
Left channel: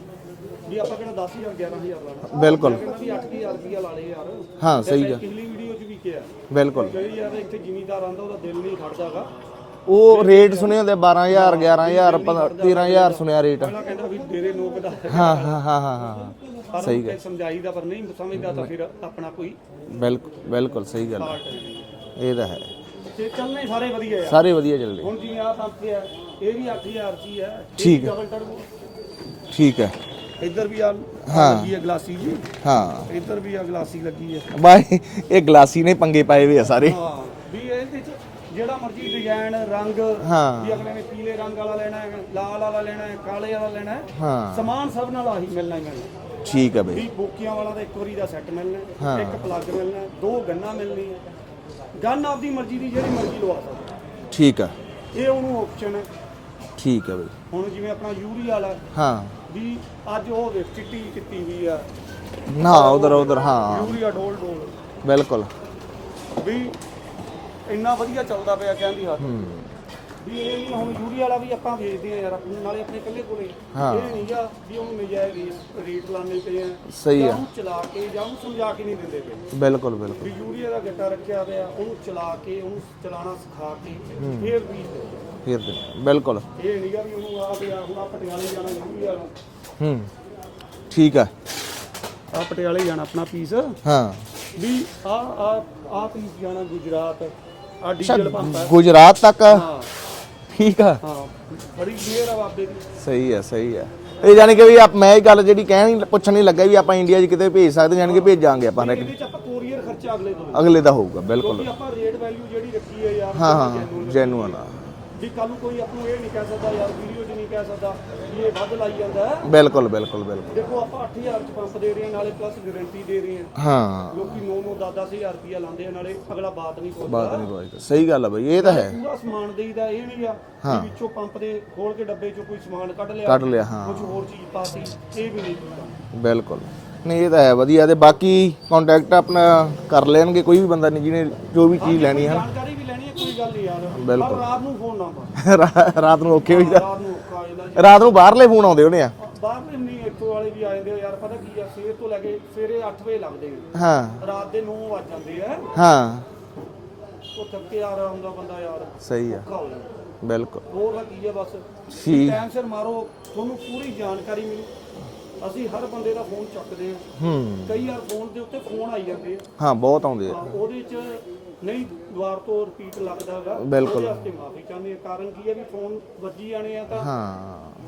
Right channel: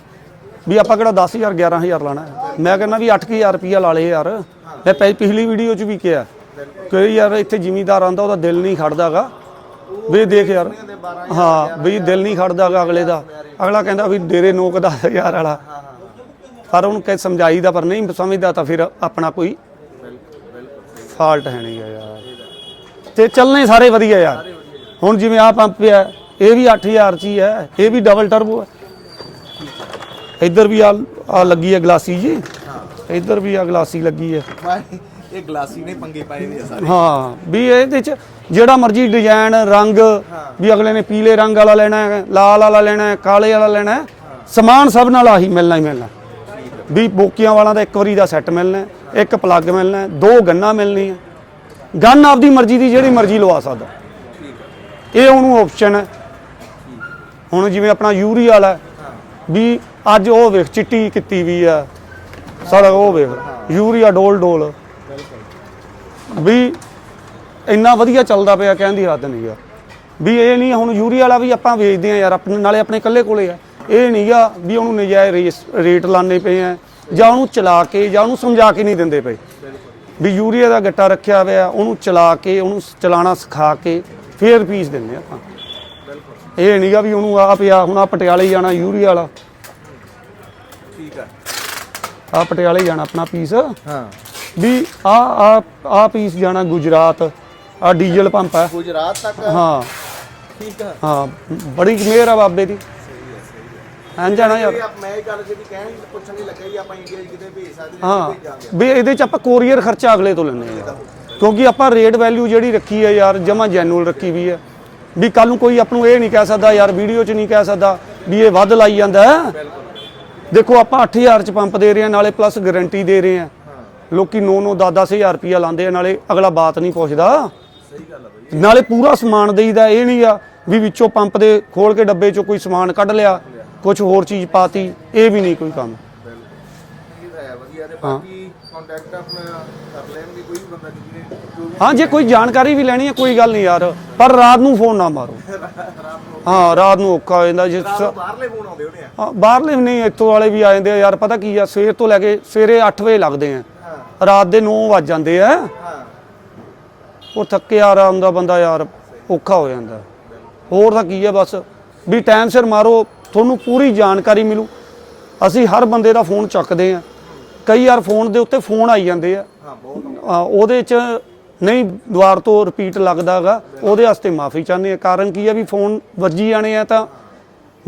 ਵੀ ਆਪਾਂ ਕਿਹੜਾ 10000 11000 ਲਾਣਾ। ਮੈਂ ਕਹਿੰਦਾ ਵੀ 8000 ਰੁਪਇਆ ਲਾ ਲਏ ਯਾਰ। ਹਾਂ, ਮੈਂ ਪਿਛਲੀ ਵੀਡੀਓ 'ਚ ਵੀ ਕਿਹਾ। ਬਿਲਕੁਲ। ਕਿ ਯਾਰ ਇੱਥੇ ਜ਼ਿਮੀਦਾਰ ਆਂਦਾ ਉਹਦਾ ਦਿਲ ਨਹੀਂ ਖੜਦਾਗਾ। ਉਹ ਵੀ ਦੇਖ ਰੇਟ ਯਾਰ। ਸੁਣੇ ਹੁੰਦੇ 12000 ਹਾਂ 11000 ਵੀ ਦਿਲ ਨਹੀਂ ਖੜਦਾਗਾ ਅਗਲੇ ਦਾ। ਸੁਣਿਆ ਅਗਲਾ ਕਹਿੰਦਾ ਵੀ ਡੇਰੇ ਨੋਕ ਦਾ ਵਾਲਾ। ਹਾਂ ਹਾਂ ਹਾਂ। ਪਰ ਉਹਨੂੰ ਕਹਿ ਸਮਝਾਈਦਾ ਪਰ ਨਹੀਂ ਸਮਝਦਾ ਤਾਂ ਫਿਰ ਆਪਣਾ ਕੋਈ ਬਿਲਕੁਲ ਬਿਲਕੁਲ ਸਹੀ ਗੱਲ। ਫਾਲਟ ਹੈ ਨਹੀਂ ਯਾਰ। ਇਹ ਤਾਂ ਹੈ। ਤੇ ਚੱਲਣੇ ਸਾਰੇ ਵਧੀਆ ਯਾਰ। ਸਾਰੇ ਵਧੀਆ ਚੱਲਦੇ। ਹੁਣ ਜਿਵੇਂ ਆ ਪੰਪ ਹੈ ਇਹ ਵੀ 8000 ਚ ਹੀ ਹੈ ਇਹ ਵੀ ਡਬਲ ਟਰਬੋ ਹੈ। ਠੀਕ ਹੈ। ਇੱਧਰ ਵੀ ਆ ਲੱਗੀ ਹੈ ਗਲਾਸੀ ਜੀ। ਹਾਂ। ਇੱਧਰ ਵੀ ਆ ਗਲਾਸੀ ਲੱਗੀ ਹੈ। ਬਾਈ ਇਹ ਗਲਾਸੀ ਨੇ ਪੰਗੇ ਪਾਏ ਵੇ ਆ ਸਾਰੇ। ਹਾਂ ਵੀ ਇਹਦੇ ਚ ਜਿਹੜਾ ਮਰਜ਼ੀ ਡਿਜ਼ਾਈਨ ਰੰਗ। ਵੀ ਅਗਲੇ ਨੇ ਪੀਲੇ ਰੰਗ ਵਾਲਾ ਲੈਣਾ ਹੈ ਲਾਲ ਵਾਲਾ ਲੈਣਾ ਹੈ ਕਾਲੇ ਵਾਲਾ ਲੈਣਾ ਹੈ ਹਾਂ। ਸਮਾਨ ਸਭ ਨਾਲ ਆਹੀ ਮਿਲਣਾ ਹੀ ਮਿਲਣਾ। ਠੀਕ ਹੈ ਬਈ ਵੀ ਬੋਕੀਆਂ ਵਾਲਾ ਦਾ ਇੱਕ ਵਾਰੀ ਦਾ ਸੈੱਟ ਮਿਲਣਾ ਹੈ, ਇੱਕ ਪਲੱਗ ਮਿਲਣਾ ਹੈ, ਦੋ ਗੰਨਾਂ ਮਿਲਣੀ ਹੈ ਗੰਨ ਆਪਦੀ ਮਰਜ਼ੀ ਦੀ ਜਿਹੜੀ ਮਰਜ਼ੀ ਲਵਾ ਸਕਦਾ। ਠੀਕ ਹੈ। ਇਹ ਉਹਨੂੰ ਆਪਸ਼ਨ ਹੈ। ਠੀਕ ਹੈ ਬਈ। ਹੁਣ ਜਿਵੇਂ ਆਪਣਾ ਯੂਰੀ ਵਾਲਾ ਹੈ, ਹਾਂ। ਵੀ ਅੱਜ ਉਹ ਵੇਖ ਚਿੱਟੀ ਕੀਤੀ ਵੀ ਆ ਨਾ ਸਾਰਾ ਉਹ ਉਧਰ ਵੇਖ ਉਧਰ ਹਾਂ। ਯੂਰੀਆ ਡੋਲ ਡੋਲ। ਬਿਲਕੁਲ। ਵੀ ਇੰਨਾ ਵਧੀਆ ਚੱਲਦਾ ਪਿਆ ਕਹਿਣ ਦੀ ਹੱਦ ਨਹੀਂ ਆ। ਵੀ ਇਹ ਨਹੀਂ ਹੁਣ ਯੂਰੀਆ ਵਾਲਾ ਵੀ ਆਪਾਂ ਵੇਚਦੇ ਆ ਯਾਰ ਆਪਣੇ ਨਾਲੇ ਆਪਣੇ ਇਕੱਲੇ ਕੋਲੇ ਆ। ਇਹ ਨਹੀਂਗਾ ਵੀ ਉਹਨੂੰ ਨਜਾਇਜ਼ ਰੇਟ ਲਾਣੇ ਪਏ ਆ ਜਾਂ ਉਹਨੂੰ ਚਲਾ ਕੇ ਜਾਂ ਉਹਨੂੰ ਸਮਝਾ ਕੇ ਨਹੀਂ ਦਿੰਦੇ ਪਏ। ਬਿਲਕੁਲ ਬਿਲਕੁਲ। ਵੀ ਯੂਰੀਆ ਦਾ ਗੱਟਾ ਰੱਖਿਆ ਹੋਇਆ ਉਹਨੂੰ ਚਲਾ ਕੇ ਉਹਨੂੰ ਚਲਾਣਾ ਸਿਖਾ ਕੇ ਫੇਰ ਪੀਸ ਦਿੰਦੇ ਆ ਆਪਾਂ। ਫਿਰ ਬਿਲਕੁਲ। ਇਹ ਨਹੀਂਗਾ ਵੀ ਉਹਨੂੰ ਆ ਪਿਆ ਹੁਣ ਆ ਪਟਿਆਲੇ ਜਾਣਾ ਯੂਰੀਆ ਵਾਲਾ। ਹੂੰ। ਠੀਕ ਹੈ ਆ ਪਟਿਆਲੇ ਜਾਣਾ ਆਪਣਾ ਪੀਸ। ਹਾਂ। ਵੀ ਆ ਆ ਆ ਪੀਸ ਜਾਣਾ ਗੁਜਰਾਤ। ਆ ਡੀਜ਼ਲ ਪੰਪ ਹੈ ਗੁਜਰਾਤ ਤੱਕ? ਹਾਂ। ਠੀਕ ਹੈ ਹਾਂ ਬੜੀ ਮਿਹਰ ਆ ਬਾਬੇ ਦੀ। ਸਹੀ ਹੈ ਸਹੀ ਹੈ ਇਹ ਜਾਨੀ ਕਿ ਵੀ ਆਪ ਮੈਂ ਇਹ ਗੱਲ ਜਿਹੜੀ ਕਹਿਣ ਪੁੱਛਣ ਨਹੀਂ ਲੱਗਾ ਵੀ ਆਪਾਂ ਇੰਡੀਆ 'ਚ ਕਿਤੇ ਭੇਜ ਸਕਦੇ ਜਾਨੀ ਕਿ ਭੇਜਾਂਗੇ ਆਪਾਂ ਵੀ ਇਹਦੇ ਚ ਆਪਾਂ ਕੋਰੀਅਰ ਖਰਚਾ ਅਗਲੇ ਤੋਂ ਲੈਣਾ ਅਗਲੇ ਦਾ ਹੋਊਗਾ ਬਿਲਕੁਲ। ਕਿਉਂਕਿ ਆਪਾਂ ਰੇਟ ਵੈਲਿਊ ਜਿਹੜੀ ਰੱਖੀ ਹੈ ਯਾਰ ਜਮਾ ਜੈਨੂਅਲ ਰੱਖੀ ਵੀ ਹੈ ਵੀ ਕੱਲ ਨੂੰ ਕੋਈ ਆਪ ਨੂੰ ਇਹ ਨਹੀਂ ਕਹਿ ਸਕਦਾ ਯਾਰ ਵੀਡੀਓ 'ਚ ਨਹੀਂ ਕਹਿ ਸਕਦਾ ਵੀ ਇਹ ਵੱਧ ਲਾਈ ਜਾਂਦਾ। ਹੈ। ਬਿਲਕੁਲ ਬਿਲਕੁਲ। ਦੇਖੋ ਆਪਾਂ 8000 ਚ ਪੰਪ ਦੇ ਰਹੇ ਹਾਂ ਨਾਲੇ ਪਲੱਸ ਗਾਰੰਟੀ ਦੇ ਰਹੇ ਹਾਂ। ਹਾਂ। ਲੋਕੀ 9 9 10 10000 ਰੁਪਿਆ ਲਾਉਂਦੇ ਆ ਨਾਲੇ ਅਗਲਾ ਬਾਤ ਨਹੀਂ ਪੁੱਛਦਾ। ਸਹੀ ਗੱਲ ਹੈ ਬਈ ਇਹ ਨਾਲੇ ਪੂਰਾ ਸਮਾਨ ਦੇਈਦਾ ਇਹ ਨਹੀਂ ਆ ਵੀ ਵਿੱਚੋਂ ਪੰਪ ਦੇ ਖੋਲ ਕੇ ਡੱਬੇ ਚੋਂ ਕੋਈ ਸਮਾਨ ਕੱਢ ਲਿਆ। ਕੁਝ ਹੋਰ ਚੀਜ਼ ਪਾਤੀ ਇਹ ਵੀ ਨਹੀਂ ਕੋਈ ਕੰਮ। ਬਿਲਕੁਲ। ਨਹੀਂ ਇਹ ਤਾਂ ਹੈ ਵਧੀਆ। ਤੇ ਬਾਕੀ ਕੰਟੈਕਟ ਆਪਣਾ ਕਰ ਲੈਣਗੇ ਕੋਈ ਵੀ ਬੰਦਾ ਨਹੀਂ ਜਿਹਨੇ ਜੋ ਵੀ ਹਾਂ ਜੇ ਕੋਈ ਜਾਣਕਾਰੀ ਵੀ ਲੈਣੀ ਹੈ ਕੋਈ ਗੱਲ ਨਹੀਂ ਯਾਰ। ਪਰ ਰਾਤ ਨੂੰ ਫੋਨ ਨਾ ਮਾਰੋ। ਰਾਤ ਨੂੰ ਓਕੇ ਹਾਂ ਰਾਤ ਨੂੰ ਔਖਾ ਹੋ ਜਾਂਦਾ। ਜੇ ਰਾਤ ਨੂੰ ਬਾਹਰਲੇ ਫੋਨ ਆਉਂਦੇ ਹੋਣੇ ਆ। ਹਾਂ, ਬਾਹਰਲੇ ਨਹੀਂ ਇੱਥੋਂ ਵਾਲੇ ਵੀ ਆ ਜਾਂਦੇ ਆ। ਯਾਰ ਪਤਾ ਕੀ ਆ ਸਵੇਰ ਤੋਂ ਲੈ ਕੇ ਸਵੇਰੇ 8 ਵਜੇ ਲੱਗਦੇ ਆ। ਹਾਂ। ਰਾਤ ਦੇ 9 ਵੱਜ ਜਾਂਦੇ ਆ। ਹਾਂ। ਉਹ ਥੱਕੇ ਆ ਰਹਾ ਹੁੰਦਾ ਬੰਦਾ ਯਾਰ ਔਖਾ ਹੋ ਜਾਂਦਾ। ਬਿਲਕੁਲ। ਹੋਰ ਤਾਂ ਕੀ ਆ ਬਸ। ਵੀ ਟਾਈਮ ਸਿਰ ਮਾਰੋ ਤੁਹਾਨੂੰ ਪੂਰੀ ਜਾਣਕਾਰੀ ਮਿਲੂ। ਅਸੀਂ ਹਰ ਬੰਦੇ ਦਾ ਫੋਨ ਚੱਕਦੇ ਆ ਹੂੰ। ਕਈ ਵਾਰ ਫੋਨ ਦੇ ਉੱਤੇ ਫੋਨ ਆਈ ਜਾਂਦੇ ਆ। ਹਾਂ ਬਹੁਤ ਆਉਂਦੇ ਆ। ਆ, ਉਹਦੇ ਚ ਨਹੀਂ ਦੁਆਰ ਤੋਂ ਰਿਪੀਟ ਲੱਗਦਾਗਾ ਉਹਦੇ ਵਾਸਤੇ ਮਾਫੀ ਚਾਹੁੰਦੇ ਆ ਕਾਰਨ ਕੀ ਆ ਵੀ ਫੋਨ ਵੱਜੀ ਜਾਣੇ ਆ ਤਾਂ ਹਾਂ।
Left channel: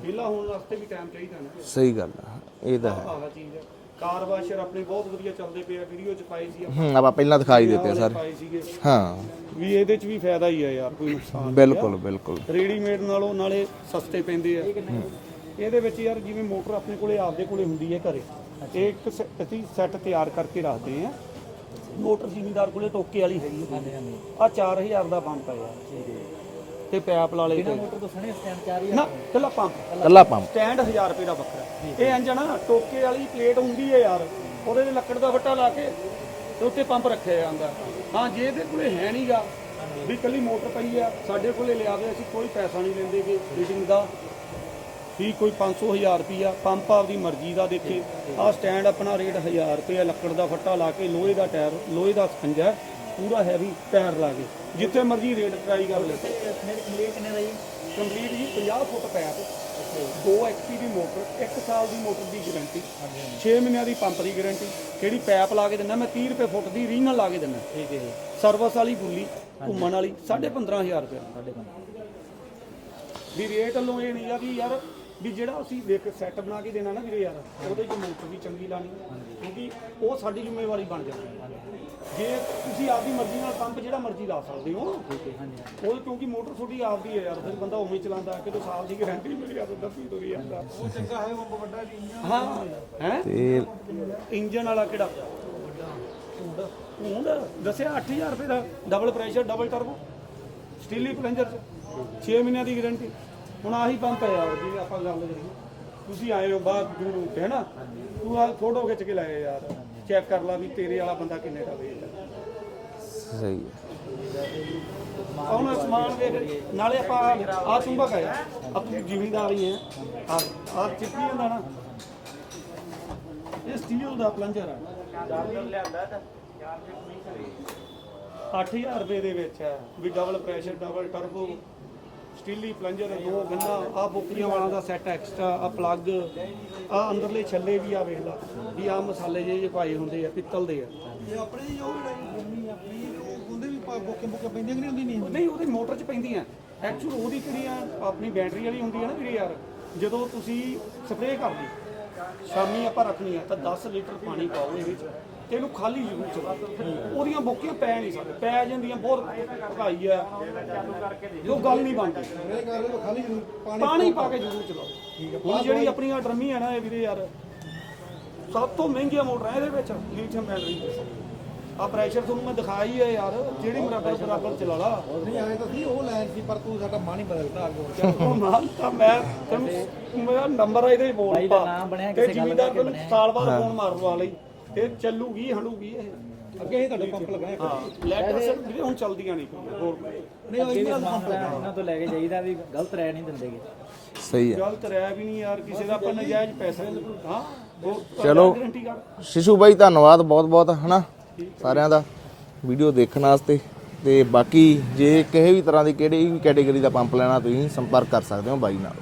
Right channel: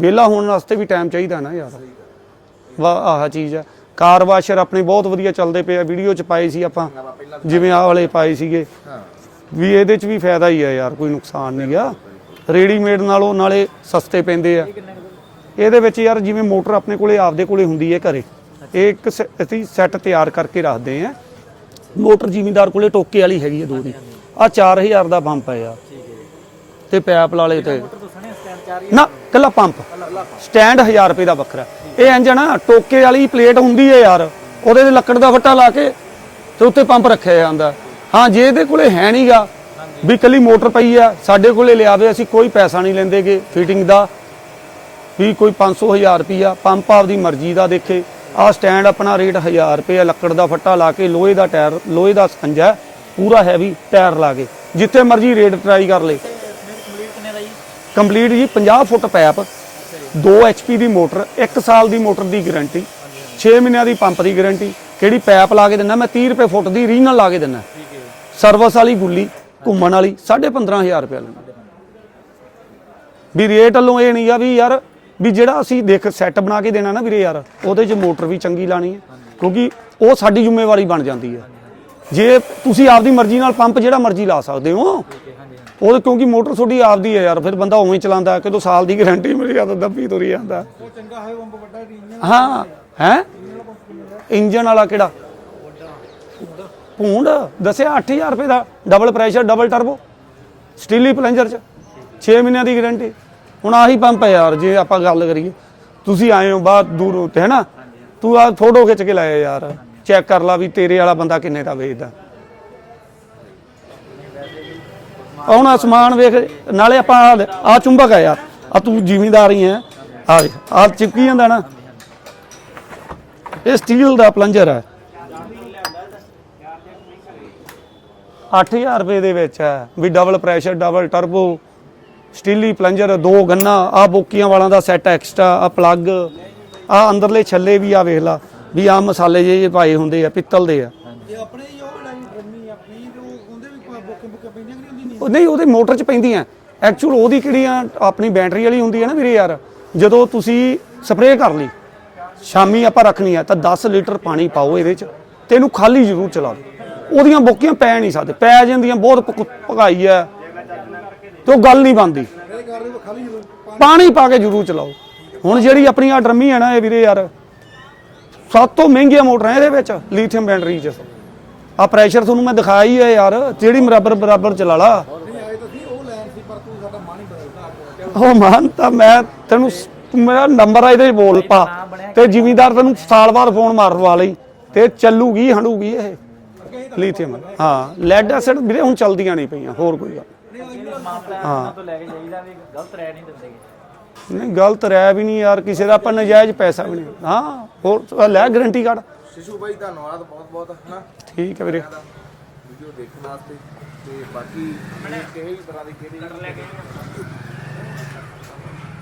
ਵਿਹਲਾ ਹੋਣ ਵਾਸਤੇ ਵੀ ਟਾਈਮ ਚਾਹੀਦਾ ਨਾ ਯਾਰ। ਸਹੀ ਗੱਲ ਹੈ ਇਹ ਆਹ ਚੀਜ਼ ਆ। ਕਾਰ ਵਾਸ਼ਰ ਆਪਣੇ ਬਹੁਤ ਵਧੀਆ ਚੱਲਦੇ ਪਏ ਆ। ਵੀਡੀਓ ਚ ਪਾਏ ਸੀ ਆਪਾਂ। ਆਪਾਂ ਪਹਿਲਾਂ ਦਿਖਾਈ ਜਿਵੇਂ ਆਹ ਵਾਲੇ ਪਾਏ ਸੀਗੇ। ਹਾਂ। ਵੀ ਇਹਦੇ ਚ ਵੀ ਫਾਇਦਾ ਹੀ ਆ ਯਾਰ ਕੋਈ ਨੁਕਸਾਨ ਨਹੀਂ ਆ। ਬਿਲਕੁਲ ਬਿਲਕੁਲ। ਰੈਡੀਮੇਡ ਨਾਲੋਂ ਨਾਲੇ ਸਸਤੇ ਪੈਂਦੇ ਆ। ਇਹਦੇ ਵਿੱਚ ਯਾਰ ਜਿਵੇਂ ਮੋਟਰ ਆਪਣੇ ਕੋਲੇ ਆਪਦੇ ਕੋਲੇ ਹੁੰਦੀ ਹੈ ਘਰੇ ਇਹ ਇੱਕ ਸ- ਅਸੀਂ ਸੈੱਟ ਤਿਆਰ ਕਰਕੇ ਰੱਖਦੇ ਆ ਮੋਟਰ ਜ਼ਿਮੀਂਦਾਰ ਕੋਲੇ ਟੋਕੇ ਵਾਲੀ ਹੈਗੀ ਹੈ ਦੂਰੀ ਆ 4000 ਦਾ ਪੰਪ ਹੈ ਯਾਰ। ਤੇ ਪੈਪ ਲਾਲੇ ਤੇ। ਨਾ ਕੱਲਾ ਪੰਪ। ਕੱਲਾ ਪੰਪ। ਸਟੈਂਡ 1000 ਰੁਪਏ ਦਾ ਵੱਖਰਾ। ਇਹ ਇੰਜਣ ਆ ਟੋਕੇ ਵਾਲੀ ਪਲੇਟ ਹੁੰਦੀ ਹੈ ਯਾਰ। ਉਹਦੇ ਤੇ ਲੱਕੜ ਦਾ ਫੱਟਾ ਲਾ ਕੇ ਤੇ ਉੱਤੇ ਪੰਪ ਰੱਖਿਆ ਜਾਂਦਾ। ਹਾਂ ਜੇ ਇਹਦੇ ਕੋਲੇ ਹੈ ਨਹੀਂਗਾ ਵੀ ਕੱਲੀ ਮੋਟਰ ਪਈ ਆ ਸਾਡੇ ਕੋਲੇ ਲਿਆਵੇ ਅਸੀਂ ਕੋਈ ਪੈਸਾ ਨਹੀਂ ਲੈਂਦੇਗੇ ਫਿਟਿੰਗ ਦਾ। ਵੀ ਕੋਈ 500 1000 ਰੁਪਿਆ ਪੰਪ ਆਪਦੀ ਮਰਜ਼ੀ ਦਾ ਦੇਖੇ। ਆਹ ਸਟੈਂਡ ਆਪਣਾ ਰੇਟ 1000 ਰੁਪਏ ਲੱਕੜ ਦਾ ਫੱਟਾ ਲਾ ਕੇ ਲੋਹੇ ਦਾ ਟਾਇਰ, ਲੋਹੇ ਦਾ ਸਕੰਜਾ ਪੂਰਾ ਹੈਵੀ ਟਾਇਰ ਲਾ ਕੇ। ਜਿੱਥੇ ਮਰਜ਼ੀ ਰੇਟ ਟਰਾਈ ਕਰ ਲੇ। ਕੰਪਲੀਟ ਜੀ 50 ਫੁੱਟ ਪੈਪ 2 HP ਦੀ ਮੋਟਰ 1 ਸਾਲ ਦੀ ਮੋਟਰ ਦੀ ਗਾਰੰਟੀ 6 ਮਹੀਨਿਆਂ ਦੀ ਪੰਪ ਦੀ ਗਾਰੰਟੀ ਕਿਹੜੀ ਪੈਪ ਲਾ ਕੇ ਦਿੰਦਾ ਮੈਂ 30 ਰੁਪਏ ਫੁੱਟ ਦੀ ਰੀਨਲ ਲਾ ਕੇ ਦਿੰਦਾ ਸਰਵਿਸ ਵਾਲੀ ਗੁੱਲੀ, ਘੁੰਮਣ ਵਾਲੀ 15500 ਰੁਪਏ ਲੈਂਦਾ। ਵੀ ਰੇਟ ਵੱਲੋਂ ਇਹ ਨਹੀਂ ਆ ਵੀ ਯਾਰ ਵੀ ਜਿਹੜਾ ਅਸੀਂ ਦੇਖ ਸੈੱਟ ਬਣਾ ਕੇ ਦੇਣਾ ਨਾ ਵੀਰੇ ਯਾਰ, ਉਹਦੇ 'ਚ ਮੋਟਰ ਵੀ ਚੰਗੀ ਲਾਣੀ ਹੈ, ਕਿਉਂਕਿ ਉਹ ਸਾਡੀ ਜ਼ਿੰਮੇਵਾਰੀ ਬਣ ਜਾਂਦੀ ਹੈ। ਜੇ ਤੁਸੀਂ ਆਪਦੀ ਮਰਜ਼ੀ ਨਾਲ ਪੰਪ ਜਿਹੜਾ ਮਰਜ਼ੀ ਲਾ ਸਕਦੇ ਹੋ, ਉਹ ਕਿਉਂਕਿ ਮੋਟਰ ਤੁਹਾਡੀ ਆਪਦੀ ਹੈ ਯਾਰ, ਫਿਰ ਬੰਦਾ ਉਵੇਂ ਹੀ ਚਲਾਉਂਦਾ ਕਿਦੋਂ ਸਾਲ ਦੀ ਗਾਰੰਟੀ ਮਿਲ ਗਿਆ ਦੱਬੀ ਤੁਰੀ ਜਾਂਦਾ। ਹਾਂ, ਹੈ? ਇੰਜਨ ਵਾਲਾ ਕਿਹੜਾ? ਪੂੰਡ ਦੱਸਿਆ 8000 ਰੁਪਏ ਦਾ double pressure double turbo steely plunger ਚ 6 ਮਹੀਨਿਆਂ ਦੀ ਗਾਰੰਟੀ ਹੁਣ ਆਹੀ ਪੰਪ ਹੈ ਯਾਰ ਜੇ ਆਪਾਂ ਗੱਲ ਕਰੀਏ। ਤੁਸੀਂ ਆਏ ਹੋ ਬਾਹਰ ਦੂਰੋਂ ਤੇ ਹੈਨਾ? ਤੂੰ ਆ ਫੋਟੋ ਖਿੱਚ ਕੇ ਲਾਇਆ ਯਾਰ। ਚੈੱਕ ਕਰ ਲਾ ਵੀ ਤੇਰੇ ਵਾਲਾ ਬੰਦਾ ਕਿੰਨੇ ਦਾ ਵੇਚਦਾ। ਸਹੀ ਹੁਣ ਅਸਮਾਨ ਵੇਖ ਨਾਲੇ ਆਪਾਂ ਆ ਚੁੰਬਕ ਆ ਯਾਰ। ਆ ਤੂੰ ਜ਼ਿਮੀਂਦਾਰ ਹੀ ਹੈ। ਆ ਆ ਚਿਪਕੀ ਜਾਂਦਾ ਨਾ। ਇਹ ਸਟੀਲ ਦਾ ਪਲੰਜਰ ਹੈ। 8000 ਰੁਪਏ ਦੇ ਵਿੱਚ ਹੈ। ਵੀ double pressure double turbo steely plunger ਦੋ ਗੰਨਾ ਆ ਬੋਕੀਆਂ ਵਾਲਾਂ ਦਾ ਸੈੱਟ ਐਕਸਟਰਾ ਆ ਪਲੱਗ ਆ ਅੰਦਰਲੇ ਛੱਲੇ ਵੀ ਆ ਵੇਖ ਲਾ ਵੀ ਆ ਮਸਾਲੇ ਜੇ ਪਾਏ ਹੁੰਦੇ ਆ ਪਿੱਤਲ ਦੇ ਆ। ਉਹ ਨਹੀਂ ਉਹਦੇ ਮੋਟਰ 'ਚ ਪੈਂਦੀਆਂ। ਐਕਚੁਅਲ ਉਹਦੀ ਕਿਹੜੀ ਆ ਆਪਣੀ ਬੈਟਰੀ ਵਾਲੀ ਹੁੰਦੀ ਹੈ ਨਾ ਵੀਰੇ ਯਾਰ ਜਦੋਂ ਤੁਸੀਂ ਸਪਰੇਅ ਕਰ ਲਈ ਸ਼ਾਮੀ ਆਪਾਂ ਰੱਖਣੀ ਆ ਤਾਂ 10 ਲੀਟਰ ਪਾਣੀ ਪਾਓ ਇਹਦੇ ਚ ਤੇ ਇਹਨੂੰ ਖਾਲੀ ਜ਼ਰੂਰ ਚਲਾ ਦਿਓ। ਉਹਦੀਆਂ ਬੋਕੀਆਂ ਪੈ ਨਹੀਂ ਸਕਦੇ ਪੈ ਜਾਂਦੀਆਂ ਬਹੁਤ ਭਗਾਈ ਹੈ ਤੇ ਉਹ ਗੱਲ ਨਹੀਂ ਬਣਦੀ। ਪਾਣੀ ਪਾ ਕੇ ਜ਼ਰੂਰ ਚਲਾਓ। ਹੁਣ ਜਿਹੜੀ ਆਪਣੀ ਆ ਡਰਮੀ ਹੈ ਨਾ ਇਹ ਵੀਰੇ ਯਾਰ ਸਭ ਤੋਂ ਮਹਿੰਗੀਆਂ ਮੋਟਰਾਂ ਇਹਦੇ ਵਿੱਚ ਲੀਥੀਅਮ ਬੈਟਰੀ ਚ। ਆ ਪ੍ਰੈਸ਼ਰ ਤੁਹਾਨੂੰ ਮੈਂ ਦਿਖਾਇਆ ਹੀ ਯਾਰ ਜਿਹੜੀ ਬਰਾਬਰ ਬਰਾਬਰ ਚਲਾ ਲਾ। ਉਹ ਮਾਨ ਤਾਂ ਮੈਂ ਤੈਨੂੰ ਮੇਰਾ ਨੰਬਰ ਆ ਇਹਦੇ ਬੋਲ ਪਾ। ਤੇ ਜ਼ਿਮੀਦਾਰ ਤੈਨੂੰ ਸਾਲ ਬਾਅਦ ਫੋਨ ਮਾਰਵਾ ਲਈ ਤੇ ਚੱਲੂਗੀ ਹੰਡੂਗੀ ਇਹ। ਲੀਥੀਅਮ ਹਾਂ ਲੈਡ ਐਸਿਡ ਵੀਰੇ ਹੁਣ ਚਲਦੀਆਂ ਨਹੀਂ ਪਈਆਂ ਹੋਰ ਕੋਈ ਗੱਲ। ਹਾਂ। ਤੋਂ ਲੈ ਕੇ ਜਾਈਦਾ ਵੀ ਗਲਤ ਰਹਿ ਨਹੀਂ ਦਿੰਦੇ ਨਹੀਂ ਗਲਤ ਰਹਿ ਵੀ ਨਹੀਂ ਯਾਰ ਕਿਸੇ ਦਾ ਆਪਾਂ ਨਜਾਇਜ਼ ਪੈਸਾ ਵੀ ਨਹੀਂ। ਹਾਂ ਹੋਰ ਲੈ ਗਾਰੰਟੀ ਕਾਰਡ ਸ਼ਿਸ਼ੂ ਬਾਈ ਧੰਨਵਾਦ ਬਹੁਤ ਬਹੁਤ ਹਨਾ? ਠੀਕ ਹੈ ਵੀਰੇ। ਸਾਰਿਆਂ ਦਾ ਵੀਡੀਓ ਦੇਖਣ ਵਾਸਤੇ। ਤੇ ਬਾਕੀ ਜੇ ਕਿਸੇ ਵੀ ਤਰ੍ਹਾਂ ਦੀ ਕਿਹੜੀ ਵੀ ਕੈਟਾਗਰੀ ਦਾ ਪੰਪ ਲੈਣਾ ਤੁਸੀਂ ਸੰਪਰਕ ਕਰ ਸਕਦੇ ਹੋ ਬਾਈ ਨਾਲ।